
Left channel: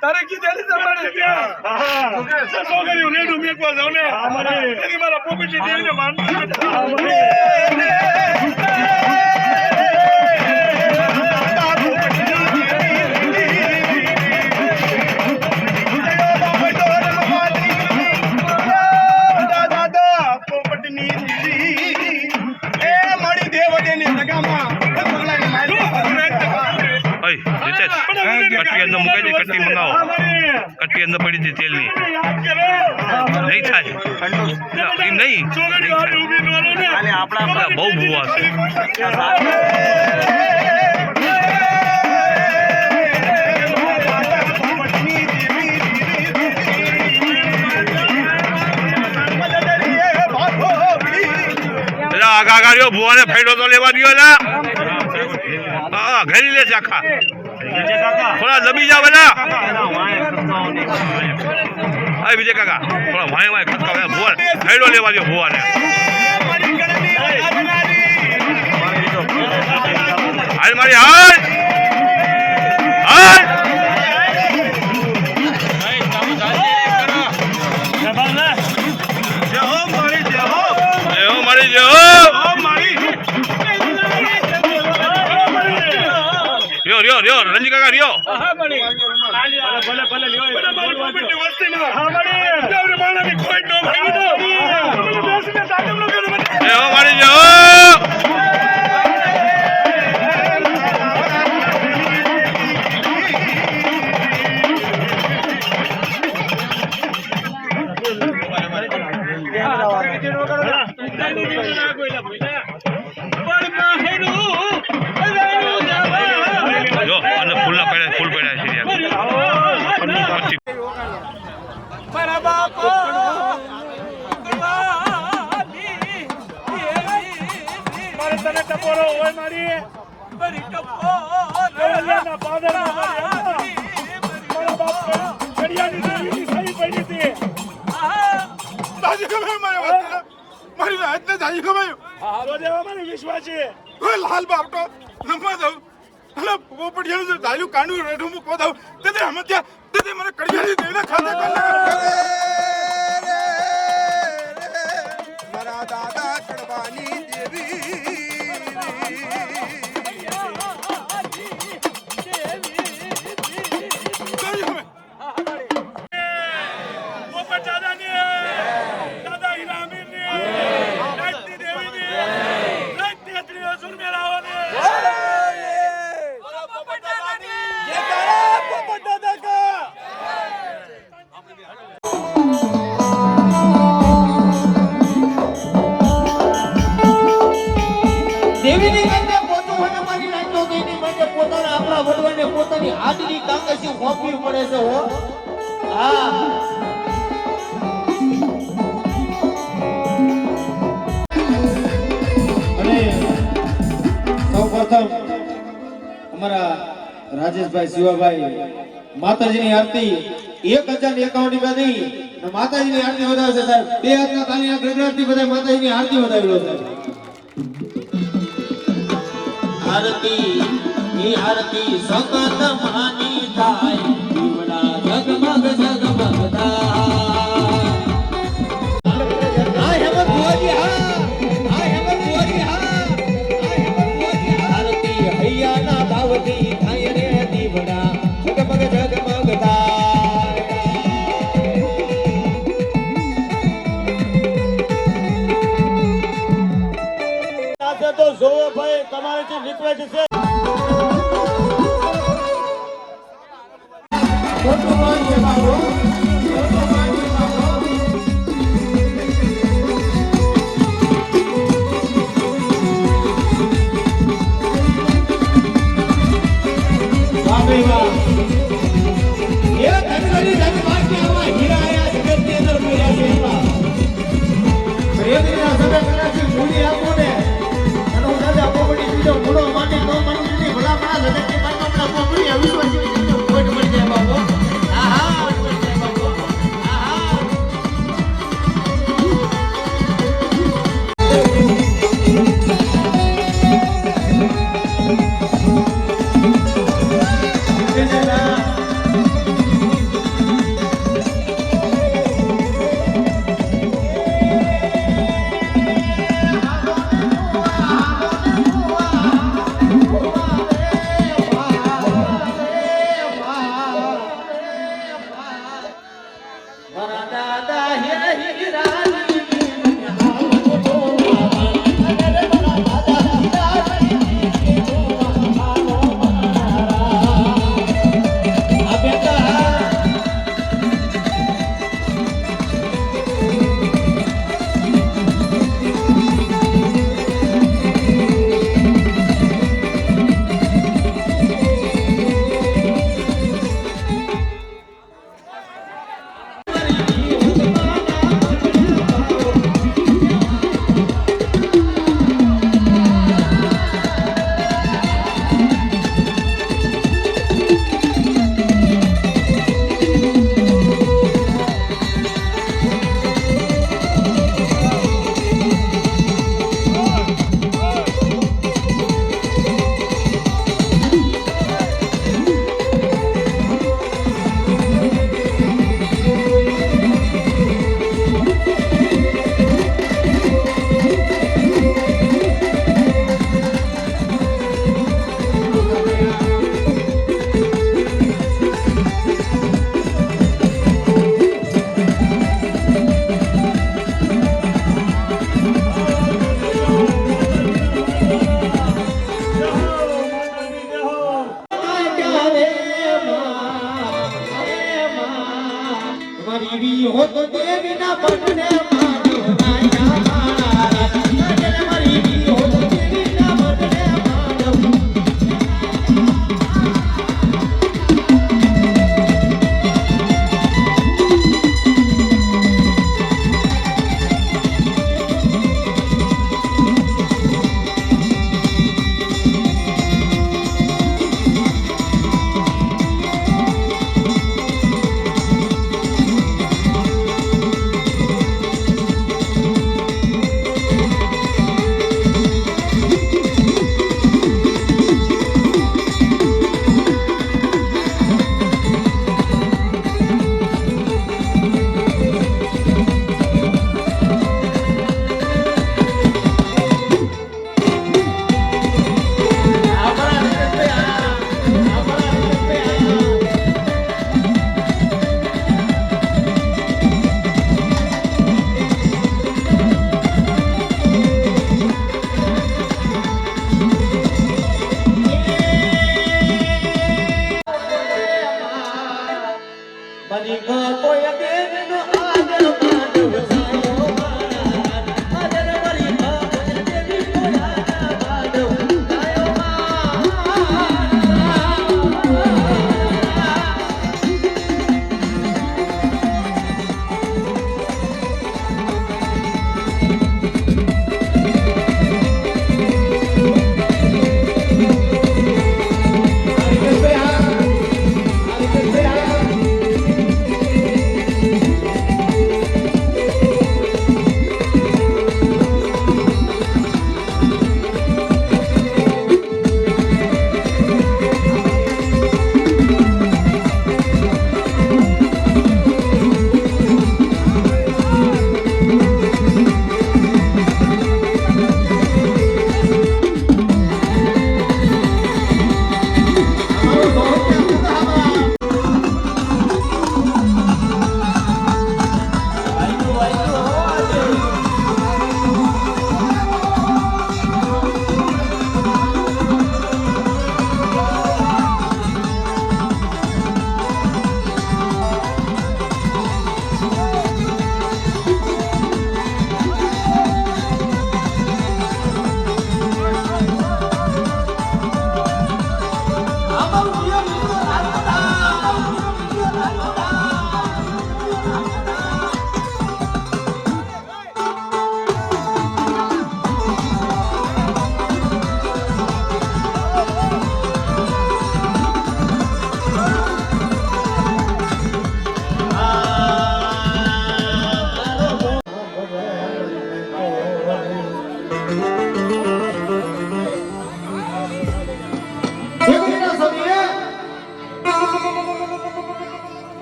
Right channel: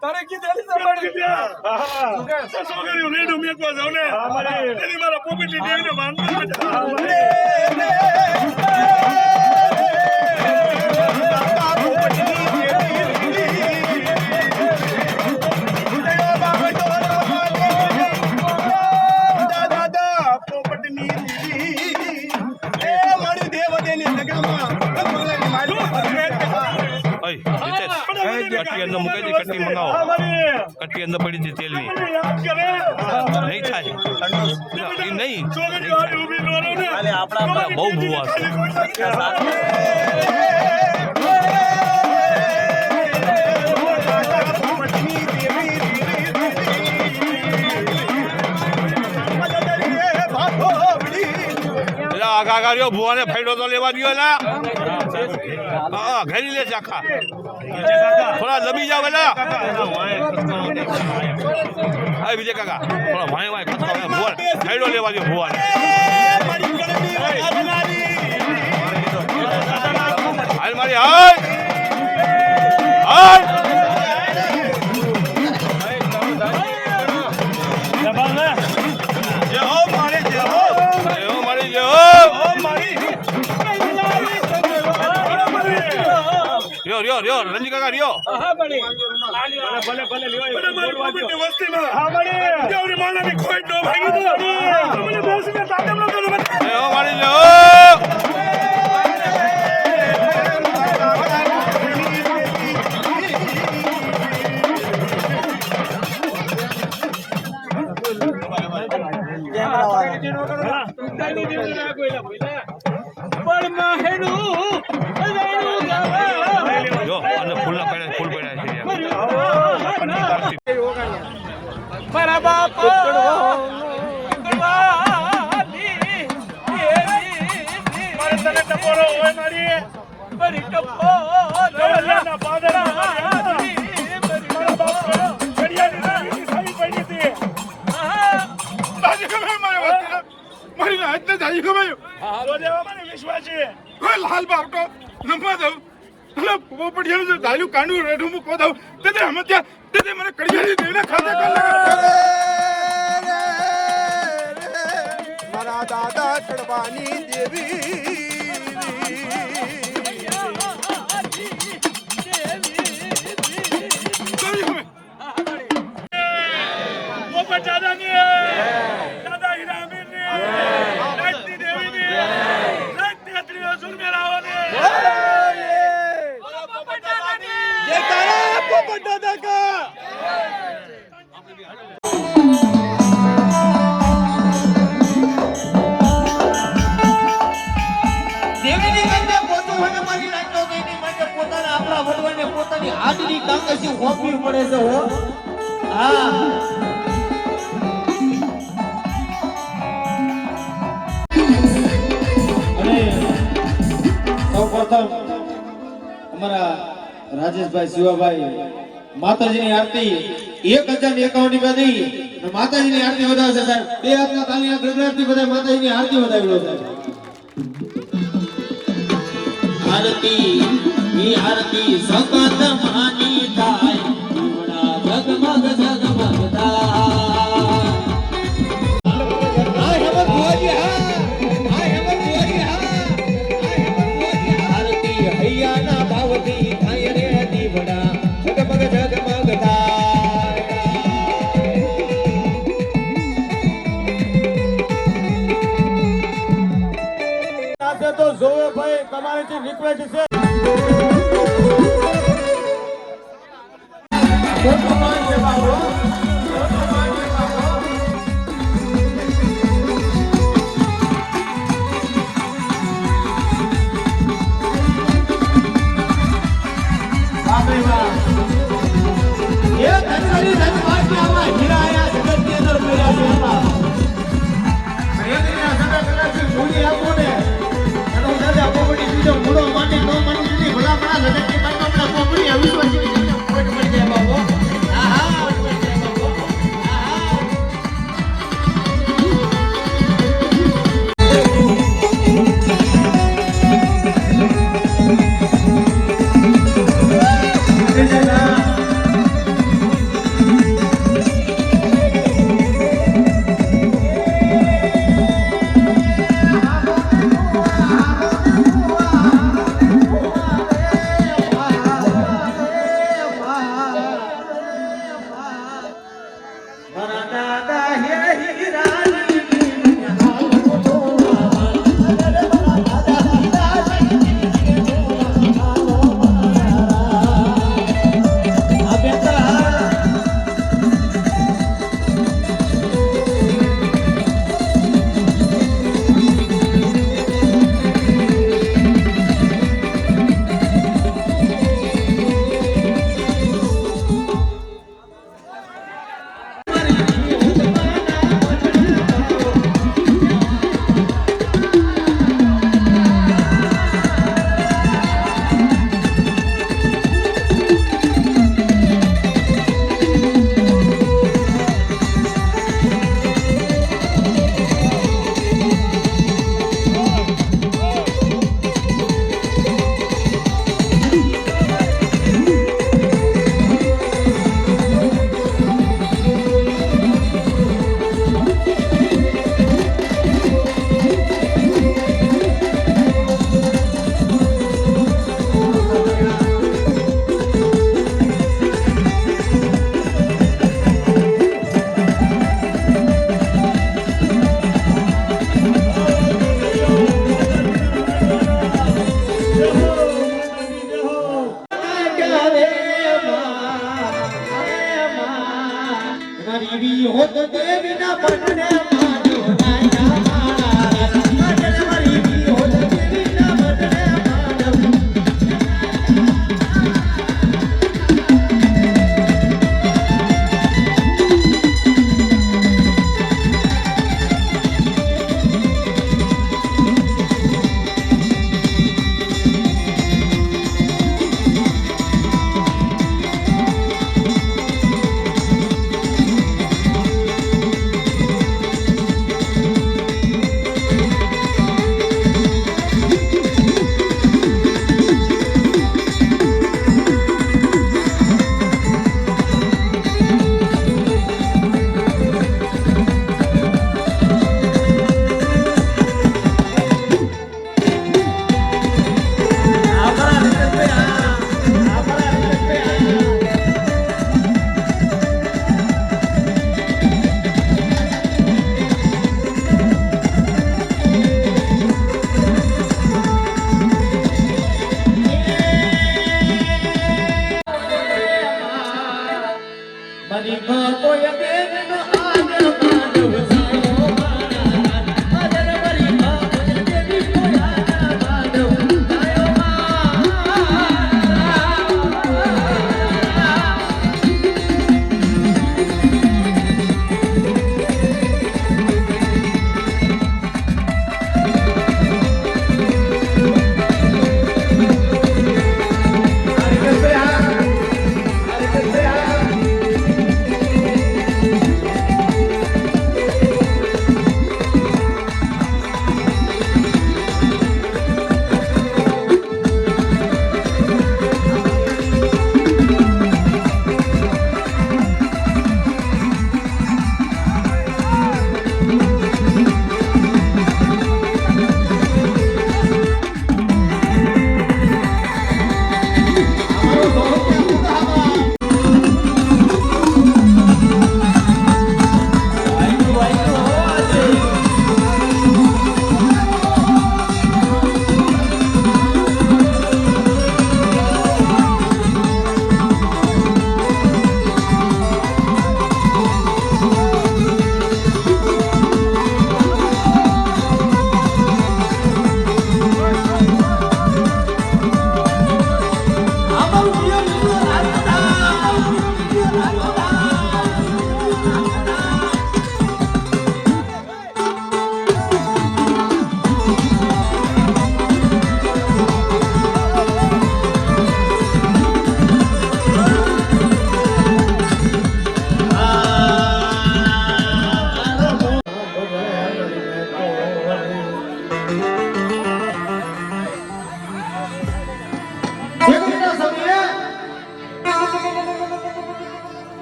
તારે કીધેલી છોકરીઓ રેડું મેકવા જાવ ને એની મારા પોપટી દેવીને કટ્ટી અંદર મૂકાઈ દે કટ્ટી મંગાવો કટ્ટી અંદર પડી હતી તેલની નહીં થાય એમ નહીં બહુ ભૂવા છે આગા રહ્યો ભૂવાને ફાયદો તો લેવા દો એલા હા ઘરી લે છે આખા થોડા દબી જાવ બેટા આ વિજય કાકા થોડા વાય વાય ખતકા ભૂવા ફાયદો લેવા દો ભૂવાને હાલ મારી હાલ હાલ રિયો રંજી કાકા રિયો ભલે વસ્તી માં હા બડી દેવરી માણાની કોઈ નો ભાઈ દો મને બેસીને તાકમ નો કરો એ હો મારી જો જો અને ફૂલ પડ્યા છે મારા બાપા તને ટપોરો હોય મારી ટપોરા પાદરા મારા બાપ ઘડિયાની દેવીની સારી પડી હતી તાજી ખબર મારી હાથને તાજી ખબર હા દેવા મને વિશ્વાસ છે કોઈ લાલ બાપટો નમવા દઉં અને પોપડિયાનું ધાયું કાંડું રેઠું મૂકો દઉં તે અમે ત્યાં તે મને ઘડિયાની દેવીને ખાતે મારા દાદા કડવાની દેવી દાદા હીરામીરની રાજતી દેવીની રાજતી અત્રિયો સુરમેરાઓની પોપટ દાદા કા દેવીને કહેતે પોતો મને મારી નાખતો તો એની માટે પોતાના આપણા ભગવાનને પોતાની હાજરી કાંકાસી હોંપવી પડે છે હો હા અને સૌપ્રથમ અમારા રાજેશભાઈ શિવાભાઈ માતાજીની આરતી 1051 બધી માતાજીની આરતી વધાવશે સાહેબ બે હાથના તાળીના ગગડાટથી બધા માતાજીની આરતી વધાવી લો સાહેબ આરતી ઈ આરતી સપત માની થાય દીવડા જગમગ જગમગ થાય આ હેમંત ભુવાજી હા આ હેમંત ભુવાજી હા આ હેમંત ભુવાજી આરતી હૈયાના ભાવથી થાય રે દીવડા જગમગ જગમગ થાય તો જોવો ભાઈ તમારી રિક્વેસ્ટ છે દેવી હોત દેવીના પટને મારો નાયા મારા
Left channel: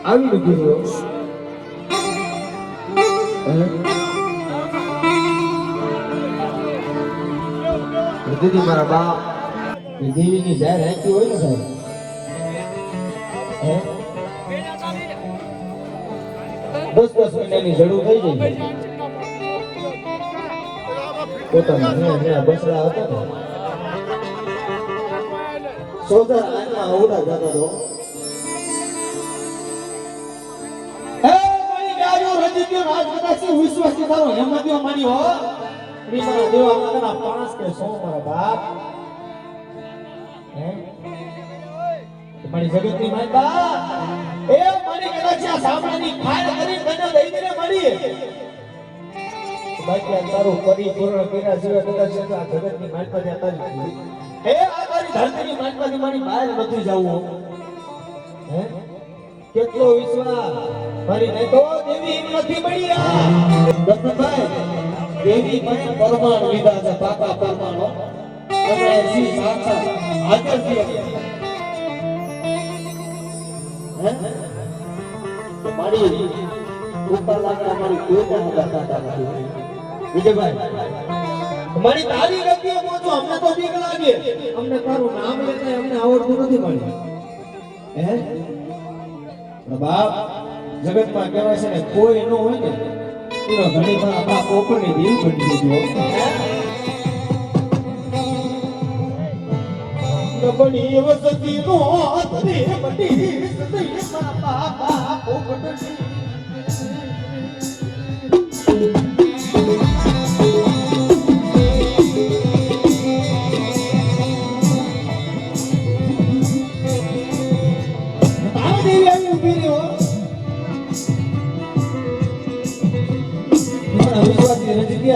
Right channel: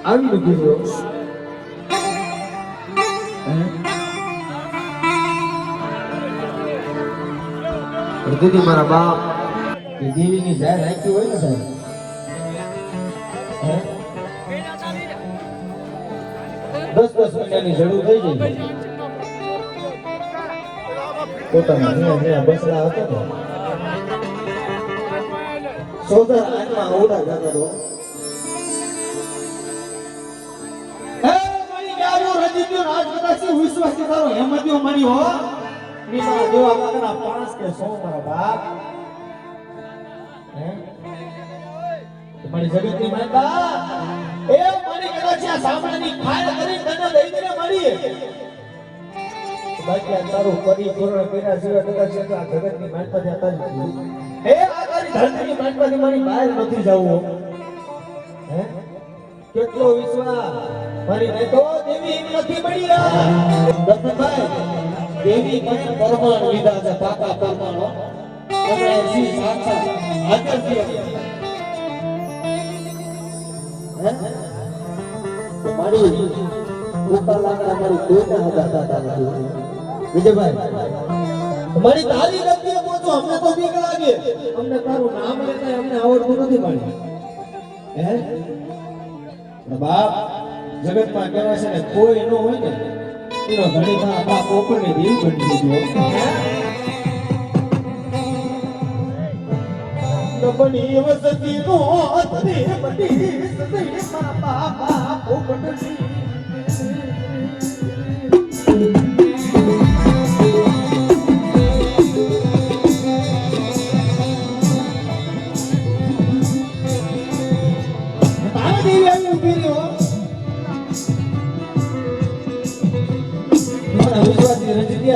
આવી નથી હૃદયથી મારા બાપ દેવીની જાહેર રાખી હોય ને સાહેબ 10 મહિનાની જરૂર થઈ જાય પોતાના નીલા બેસલા હતા ને સોદર આંખમાં ઓડા જતો હતો વિશ્વાસ તારો હેમત્યો મની હો ની મારો દેવા કાકના 5 કે 100 મારા બાપ હે મારી જગતની માતા એ મને કદાચ આ સામાની ખાય કરી તને દઈ દે મારી બાકી આ તારો પરિપૂર્ણ કર્યા સિવાય કદાચ આ જગતની માતા જતા નથી એ આ તારી ધરતીની માતાની મારી બહાર નથી જાવું હે કેટલો વિશ્વાસ મારી નહીં તો દેવી નથી મળી દત્તભાઈ દેવી મને પરમાણ લીધા છે પાકા પરમાણો અને જી સાચા હાજર છે હે મારી ઉપર લાગતા મારી કોઈ ન દાતા નથી વિજયભાઈ મારી તારી ગતિએ પહોંચો અમને તો બીક લાગે અમને તારું નામ લેતા અમને આવડતું નથી મળી હે બાપ જગતમાં કહેવાય છે ને કોઈ ન હોય ને એનો ઘણીમાં આપણા પોપરની દિલ બની દીધો બની વસતી નો અત્રે બની વસતી મારા પોપટની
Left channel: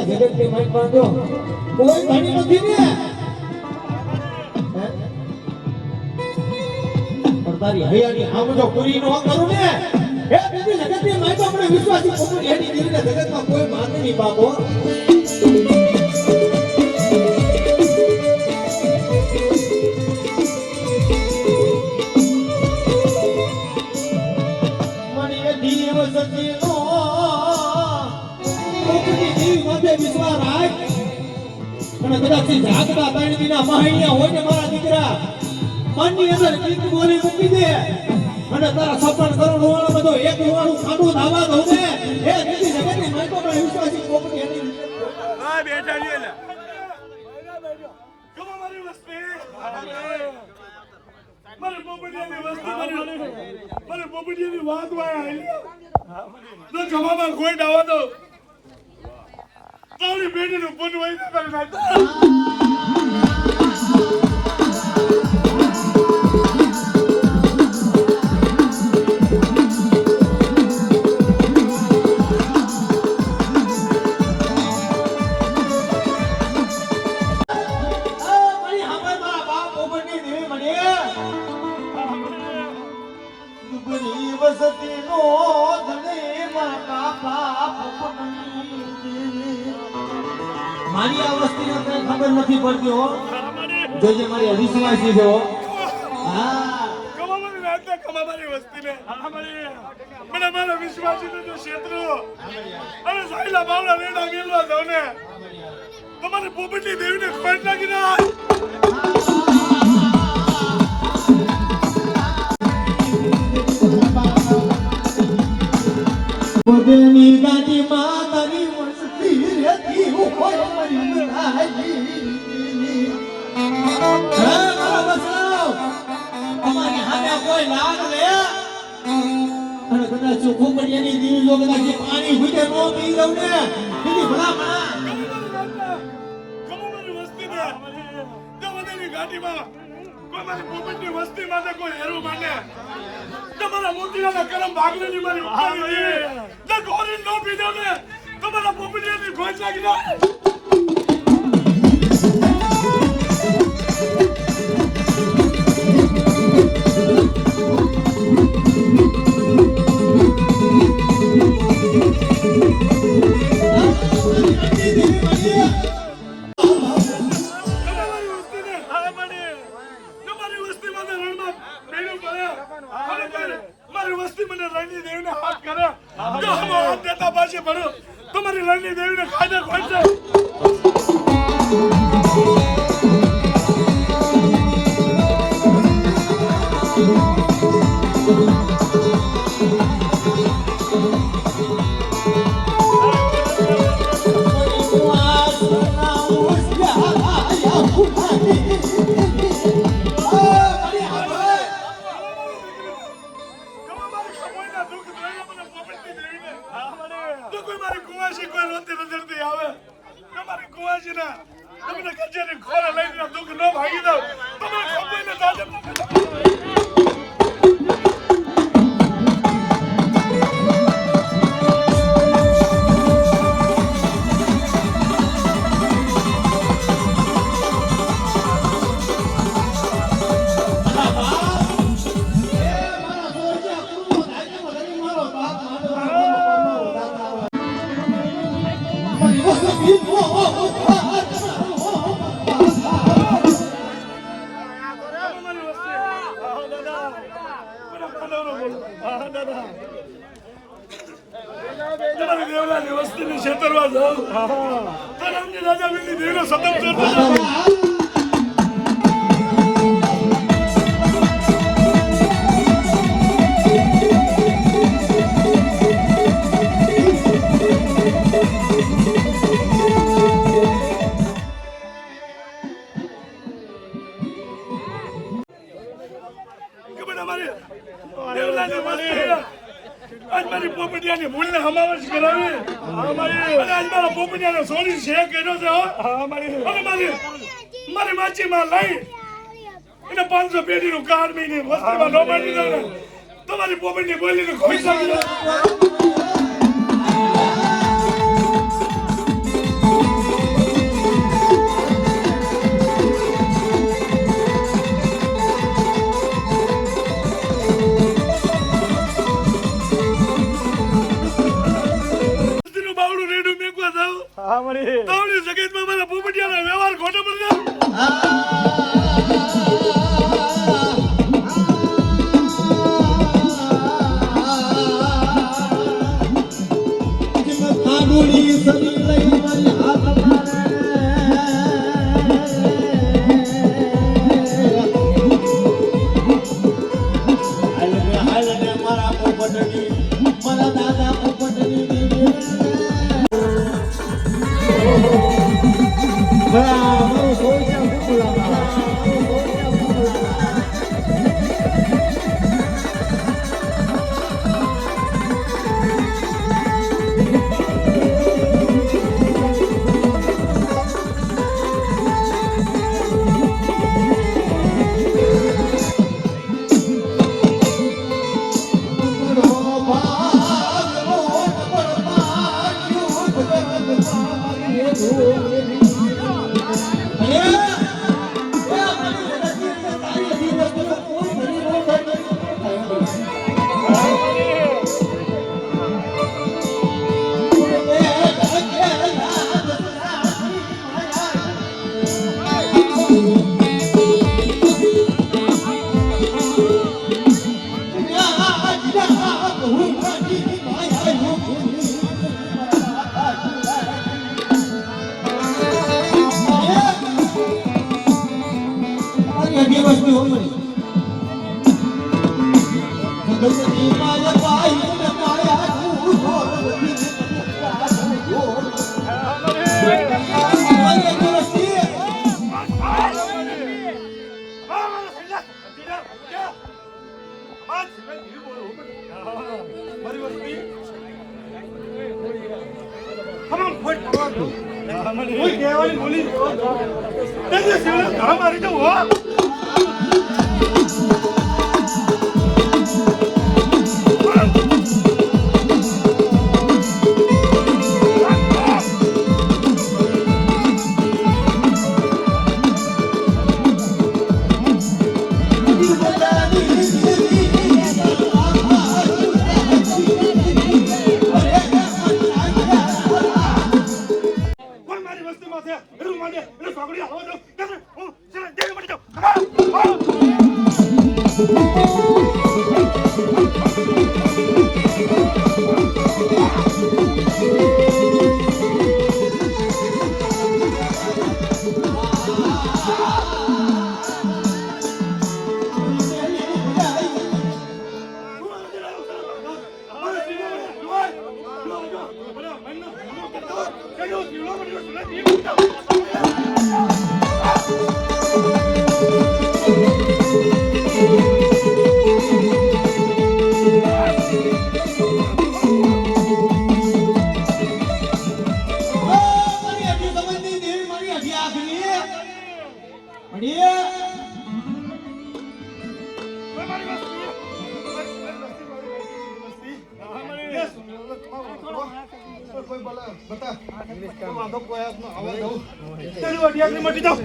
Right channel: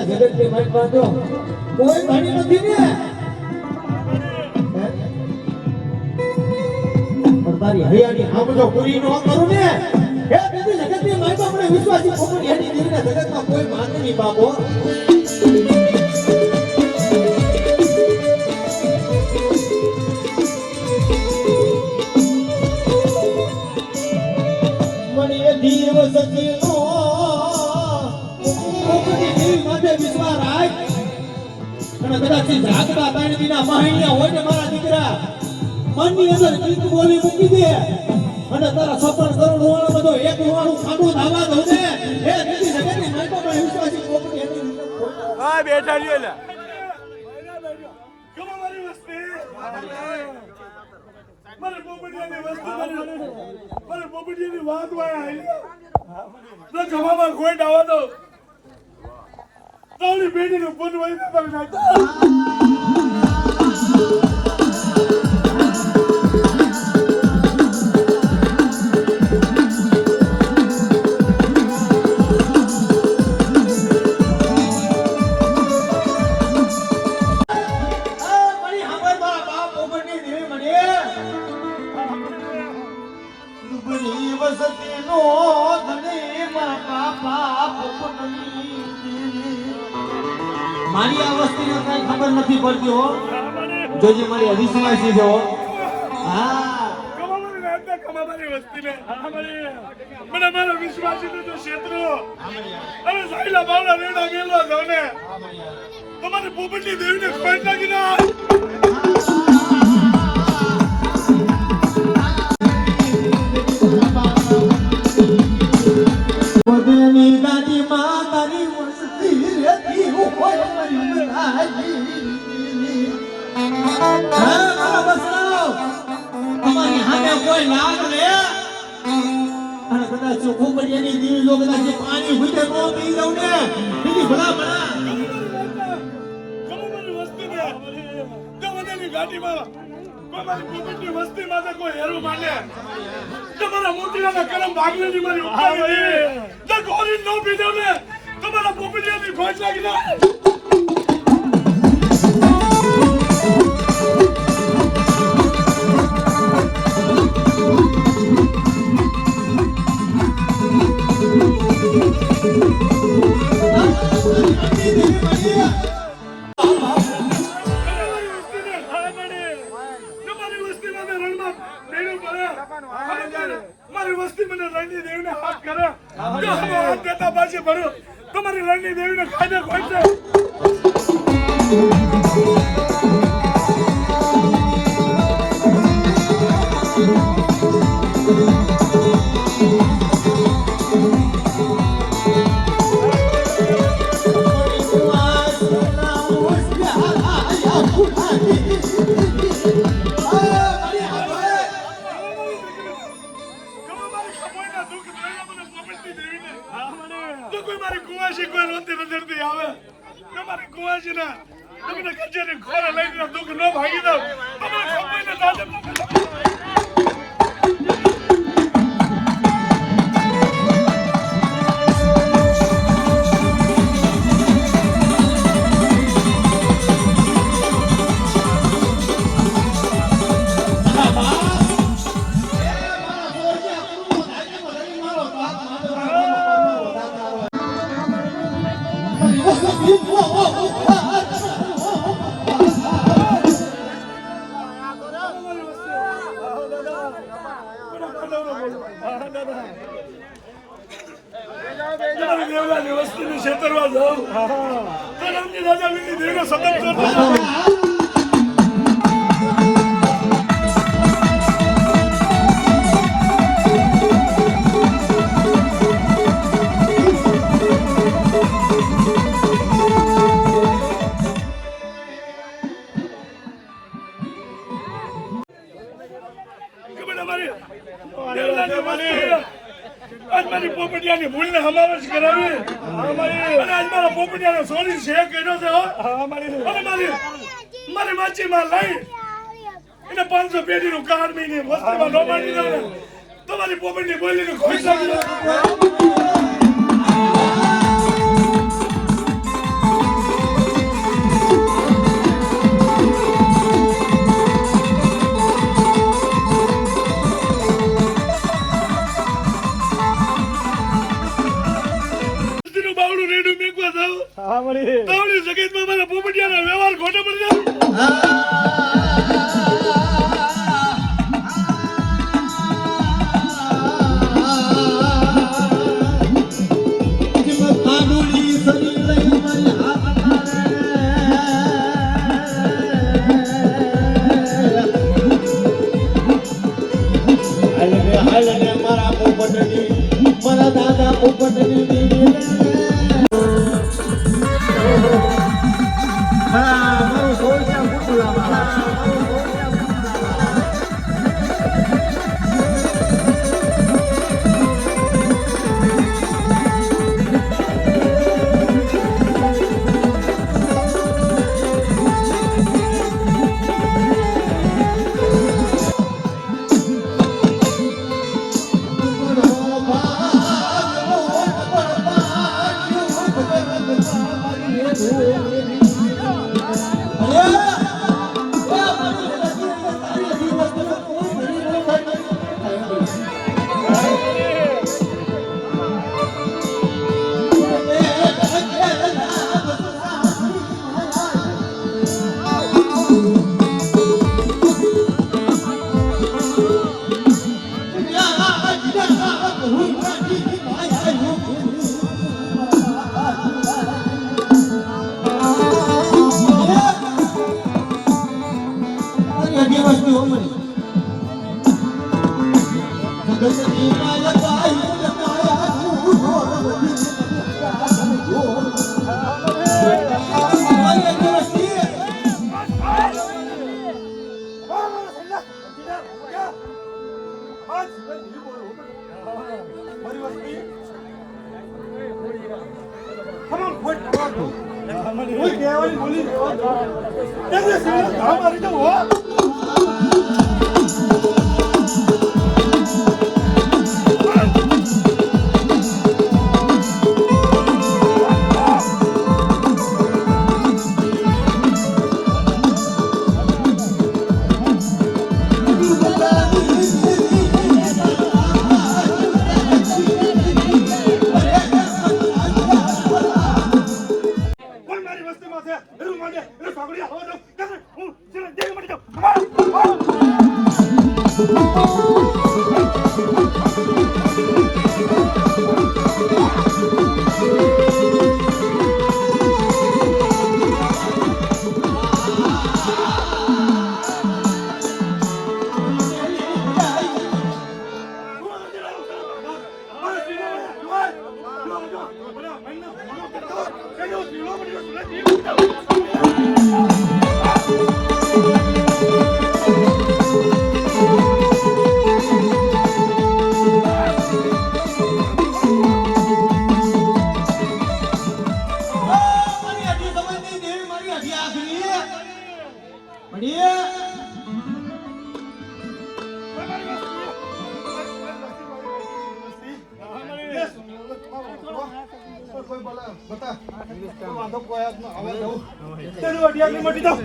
જગત ની માઇક બાંધો કોઈ ઘણી નથી ને પણ તારી હૈયાની હામજો પૂરી ન કરું ને હે બીજી જગત ની માઇક આપણે વિશ્વાસી પોપટ એની દીકરે જગતમાં કોઈ માને નહીં બાપો મણીએ જીવ સતી વિશ્વાસ રાખ અને કદાચ જાગતા ત્રણ દિના મહિના હોય ને મારા દીકરા મનની અંદર ગીત બોલી મૂકી દે અને તારા સપન કરોડ વાળો બધો એક વાળું ખાડું ધાવા દઉં ને એ દીદી જગતની માઈકો પર વિશ્વાસી કોપડી એની હા બેઠા લ્યો લે કમ મારી વસ્તી મને પોપટિયાની વસ્તુ મને પોપટિયાની વાત વાય તો જમામાં કોઈ ડાવા દો તારી બેટીનું પૂન વહી કરી નાખ મારી આ વસ્તુને કઈ ખબર નથી પડતી હો જોજે મારી હરીસલા છે જો હા કમાવાની નાખતા કમાવાની વસ્તીને મને મારો વિશ્વાસ છે તો ક્ષેત્રો અને સાયલા બાવડા રેડા મેલવા જાવ ને તમારી પોપટની દેવીને ખોટ નાખી ના બદની ગાડી માં તારી વસ્તી રહેતી હોય મરી નાહી હા મારા બસરાવ અમારી હામે કોઈ લાગ ને અને કદાચ ચોખ્ખું પડિયાની દીવી જો કદાચ જે પાણી હુઈ નો પી લઉં ને બીજી ભલા કમાવાની વસ્તીને દવાદાની ગાડીમાં કોઈ મારી પોપટની વસ્તી માટે કોઈ હેરું માને તમારા મોતીના કરમ ભાગલેની મારી ઉપાડી જે ગોરી નો પીધો ને તમારા પોપટિયાની ખોજ લાગી ના મારી વસ્તી મને રણની દેવીને હાથ કરે જો હમ હાથ દેતા પાછી ભરો તમારી રણની દેવીને ખાધે ખોઈ છે વસ્તીની છેતરવા જાઉં રાજા બેટી દેવીનો સતત મારી પોપટિયાની મૂળને સમાવેશ કરાવી અને આજ મારા પોપટિયાનો સોની શેક કર્યો છે અને મારી માછીમાં લઈ એને 500 પેઢીનું કાર્ડ મહિને વસ્તીમાં ન માંડી દઉં ને તો મારી પોપટની બોલીને ખોઈ શકે તાવડી જગતમાં મારા પોપટિયાનો વ્યવહાર ખોટો પડી કોઈ કહેવાની બોલી તે શિવને ઘા મારી દઉં હો. કોઈ મારી વસ્તીમાં છે એનું માટે એને છોકરી આવવા દઉં ત્યારે હું જેવી મળી જાઉં. મટી જાઉં.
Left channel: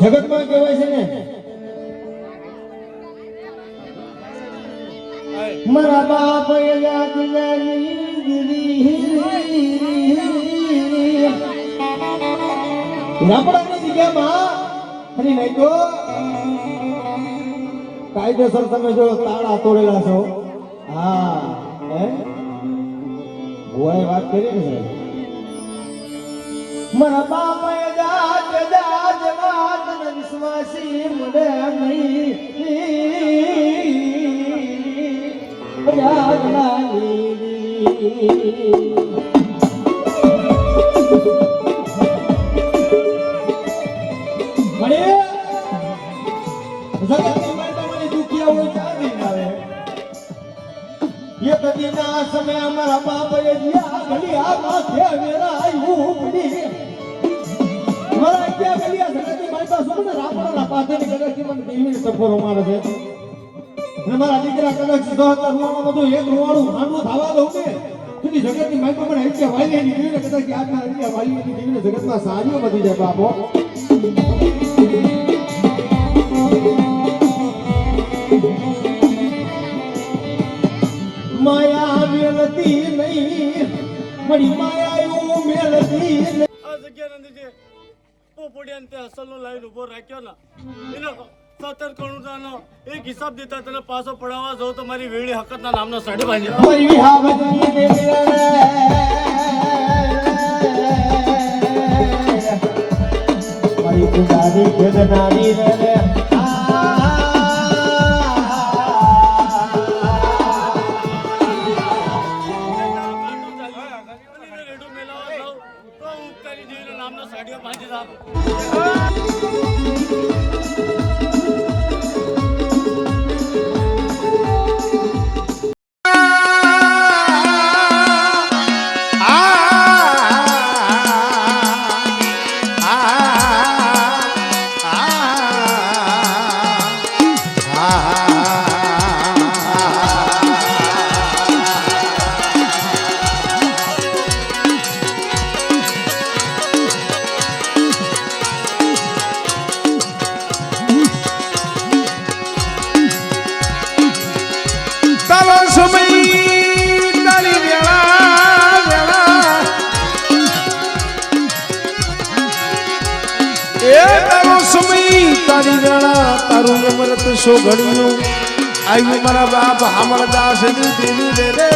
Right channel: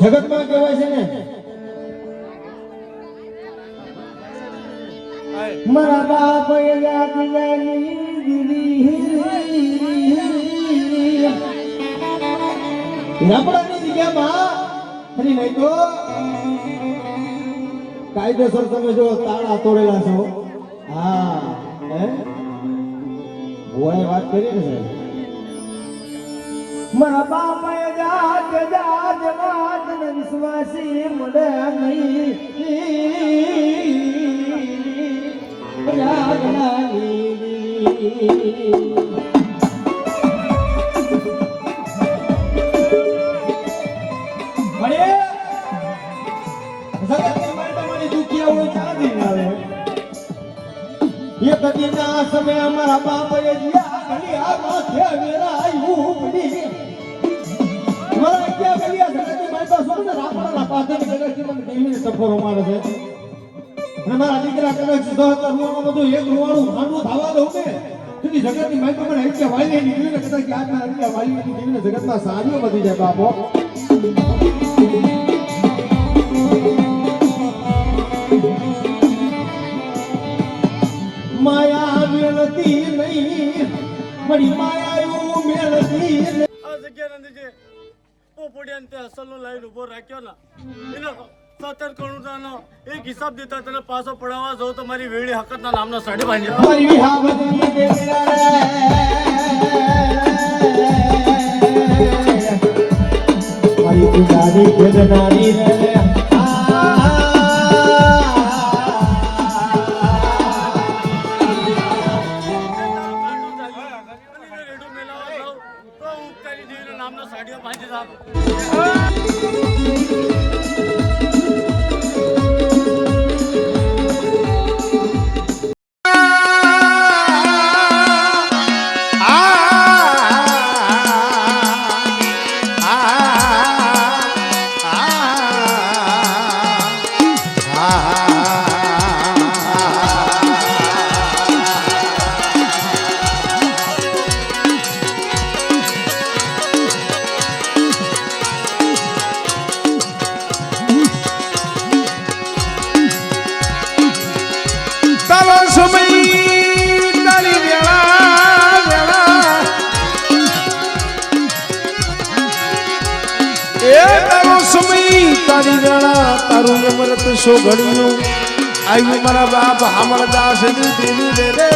જગતમાં કહેવાય છે ને મારા બાપ યાદ રાપડાની જગ્યામાં ફરી નહીં તો કાયદેસર તમે જો તાળા તોડેલા છો. હા હે ભુવાએ વાત કરી ને સાહેબ મારા બાપા જાત જાત વાત વિશ્વાસી મળે નહીં જગતની માતા દુખિયા નથી આવે એક દીના સમય અમારા બાપએ જીયા ગલિયા માથે મેરા આયુ પડી મારા કે ગલિયા જગતની માતા સુને રાપડા પાથેની ગલેથી મને દેવીને સફરો મારે છે અને મારા દીકરા કદાચ સીધો કરવાનો બધું એક રોવાળું ખાંડું થવા દઉં કે તુની જગતની માતા પણ એટલે વાલી નીકળીને કદાચ આજના એટલે વાલી નીકળીને જગતમાં સારીઓ વધી જાય બાપો માયા મેળતી નહીં મળી માયા મેળતી આ જગ્યા નથી જે પોપડિયાને તે અસલનો લાઈન ઉભો રાખ્યો ને એનો 17 કરોડનો એક હિસાબ દેતા તને પાછો પડાવવા જાઉં તો મારી વેડી હકતના નામનો સાડી બાંધી મારી વિહાવતી મારી ગુનારી ગુનારી રે નામનો સાડીઓ બાંધી દા તારું અમૃત સોગડિયું આવ્યું મારા બાપ હામળદાસ દેવી રે રે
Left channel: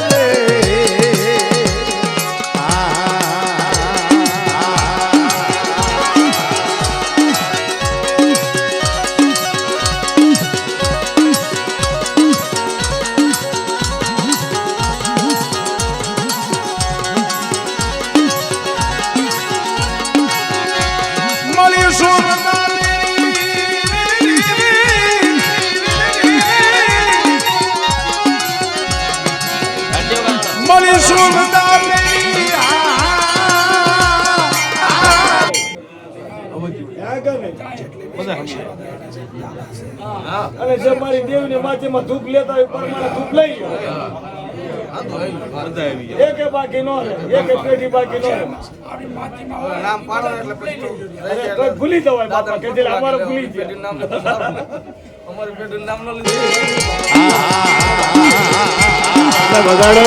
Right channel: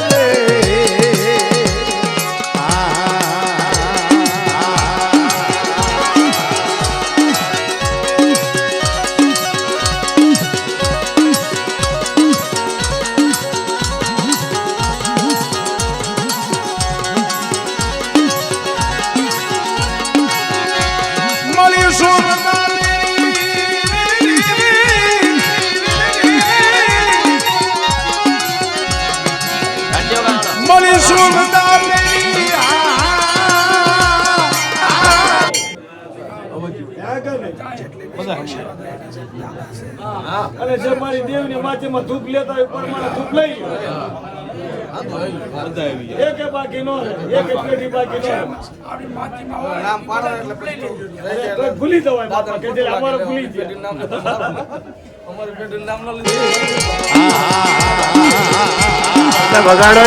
અને જે મારી દેવની માથેમાં ધૂપ લેતા હોય પણ ધૂપ લઈ એક બાકી નો એક પેટી બાકી નો નામ પાડો એટલે પછી ભૂલી જવાય બાપા કે જે અમારે ભૂલી જાય અમારી પેટીનું નામ ન લીધું બગાડો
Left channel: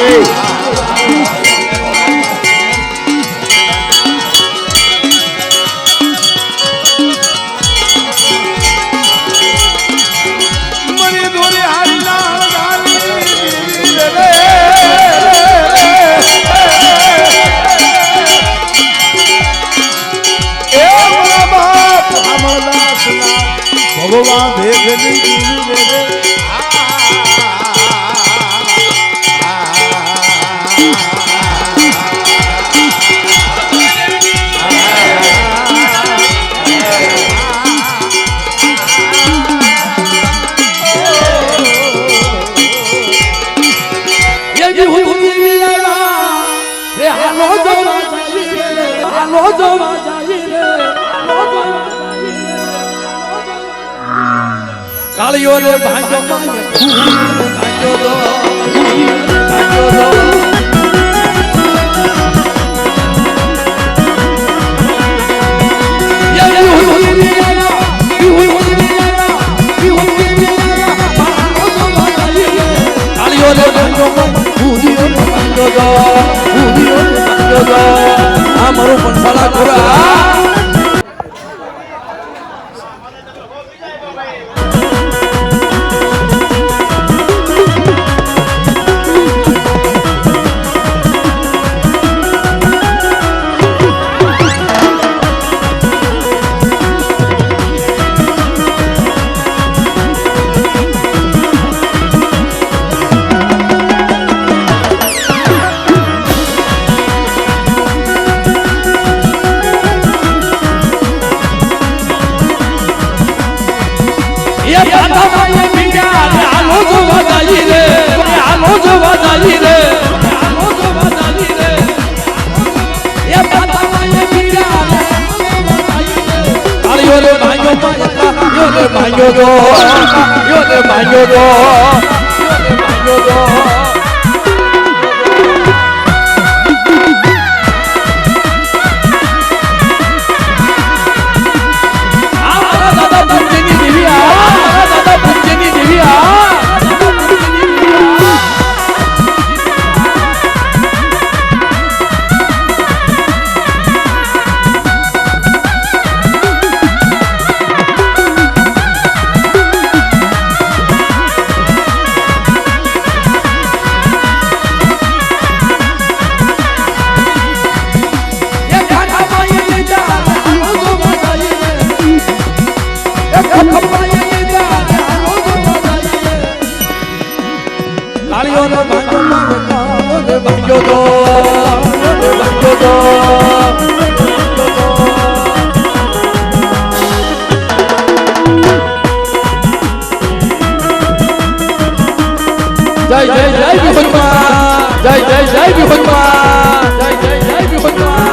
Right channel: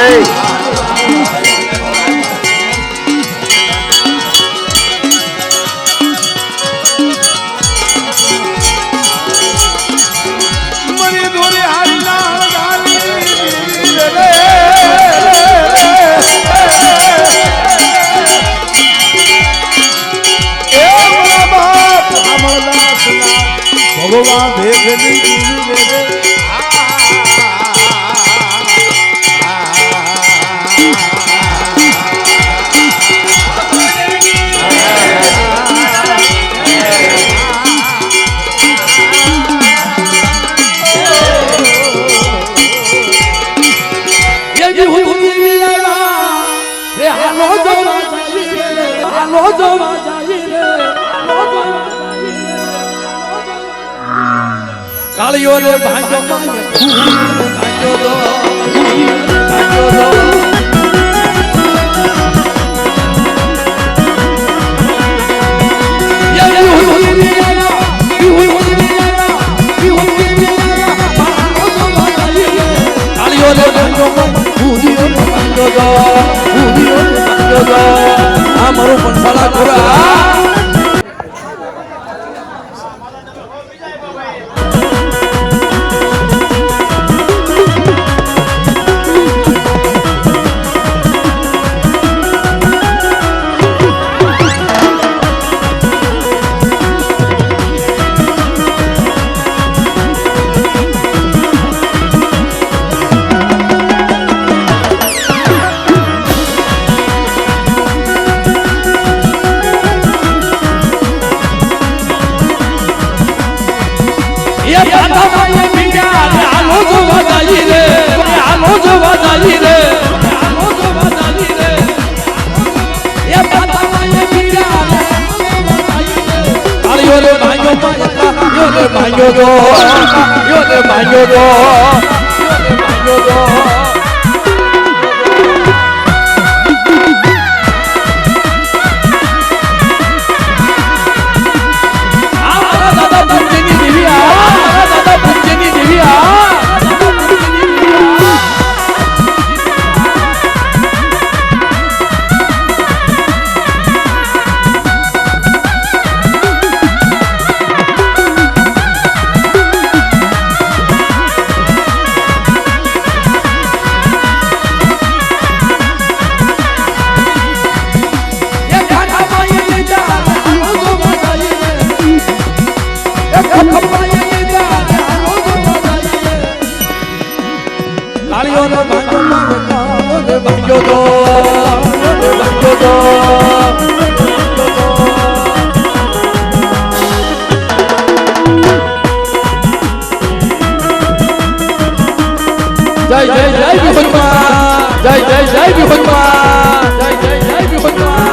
ભગવાન ભેગની જીવી રે કાળીઓ રે ભાંજો ભાંજો દો કાળીઓ રે ભાંજો આ મારું પંસાળા ખોરા એ વધારી રે આવો વધારી રે એ માતા માએ પીડા તાળીઓ રે ભાઈઓ યો રે ભાઈઓ જો યો રે ભાઈઓ જો યો રે ભાઈઓ જો જય જય જય વિહુતમાં જય જય જય વિહુતમાં જય જય જય વિહુતમાં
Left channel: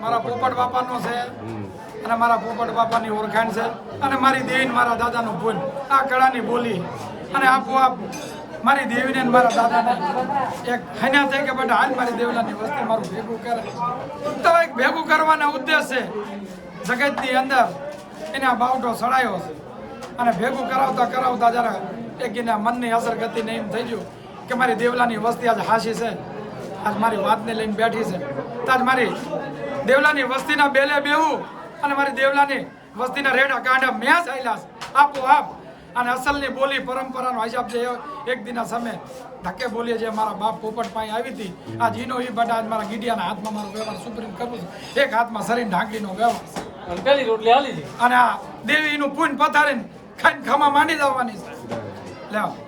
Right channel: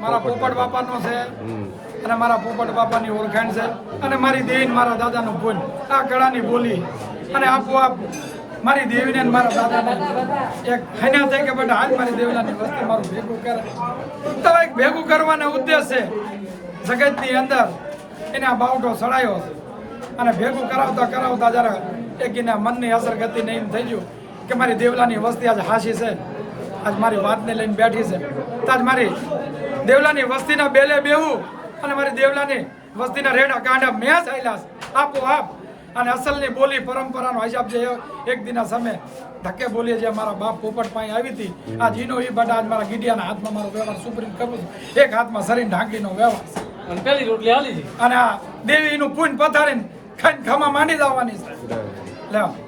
મારા પોપટ બાપાનો છે અને મારા પોપટ બાપાની ઓળખાણ છે અને મારી દેવી મારા દાદાનું પૂન આ કળાની બોલી અને આપોઆપ મારી દેવીને અને મારા દાદાને એક હન્યા થઈ કે બેટા હાલ મારી દેવલાની વસ્તી મારું ભેગું કરે તો એક ભેગું કરવાનો ઉદ્દેશ છે જગતની અંદર એને આ બાવટો સડાયો છે અને ભેગું કરાવતા કરાવતા જરા એક એના મનની અસર ગતિ નહીં થઈ ગયું કે મારી દેવલાની વસ્તી આજ હાશી છે આજ મારી વાતને લઈને બેઠી છે તો આજ મારી દેવલાની વસ્તીના બેલે બેવું અને મારી દેવલાની વસ્તીના રેડા કાંડા મેં ચાલ્યા આપોઆપ અને અસલની બોલી પરંપરાનો હિસાબ છે એક દિના સમય ધક્કે બોલીએ જે મારા બાપ પોપટ પાસે આવી હતી આ જીનો એ બટા આજ મારા ગીડિયાના હાથમાં મારો વ્યવહાર સુપ્રીમ કરું છું એક હાથમાં શરીર ઢાંકીનો વ્યવહાર છે પેલી રોટલી આલી અને આ દેવીનું પૂન પથારીને ખાઈને ખમા માંડી જવાની છે લેવા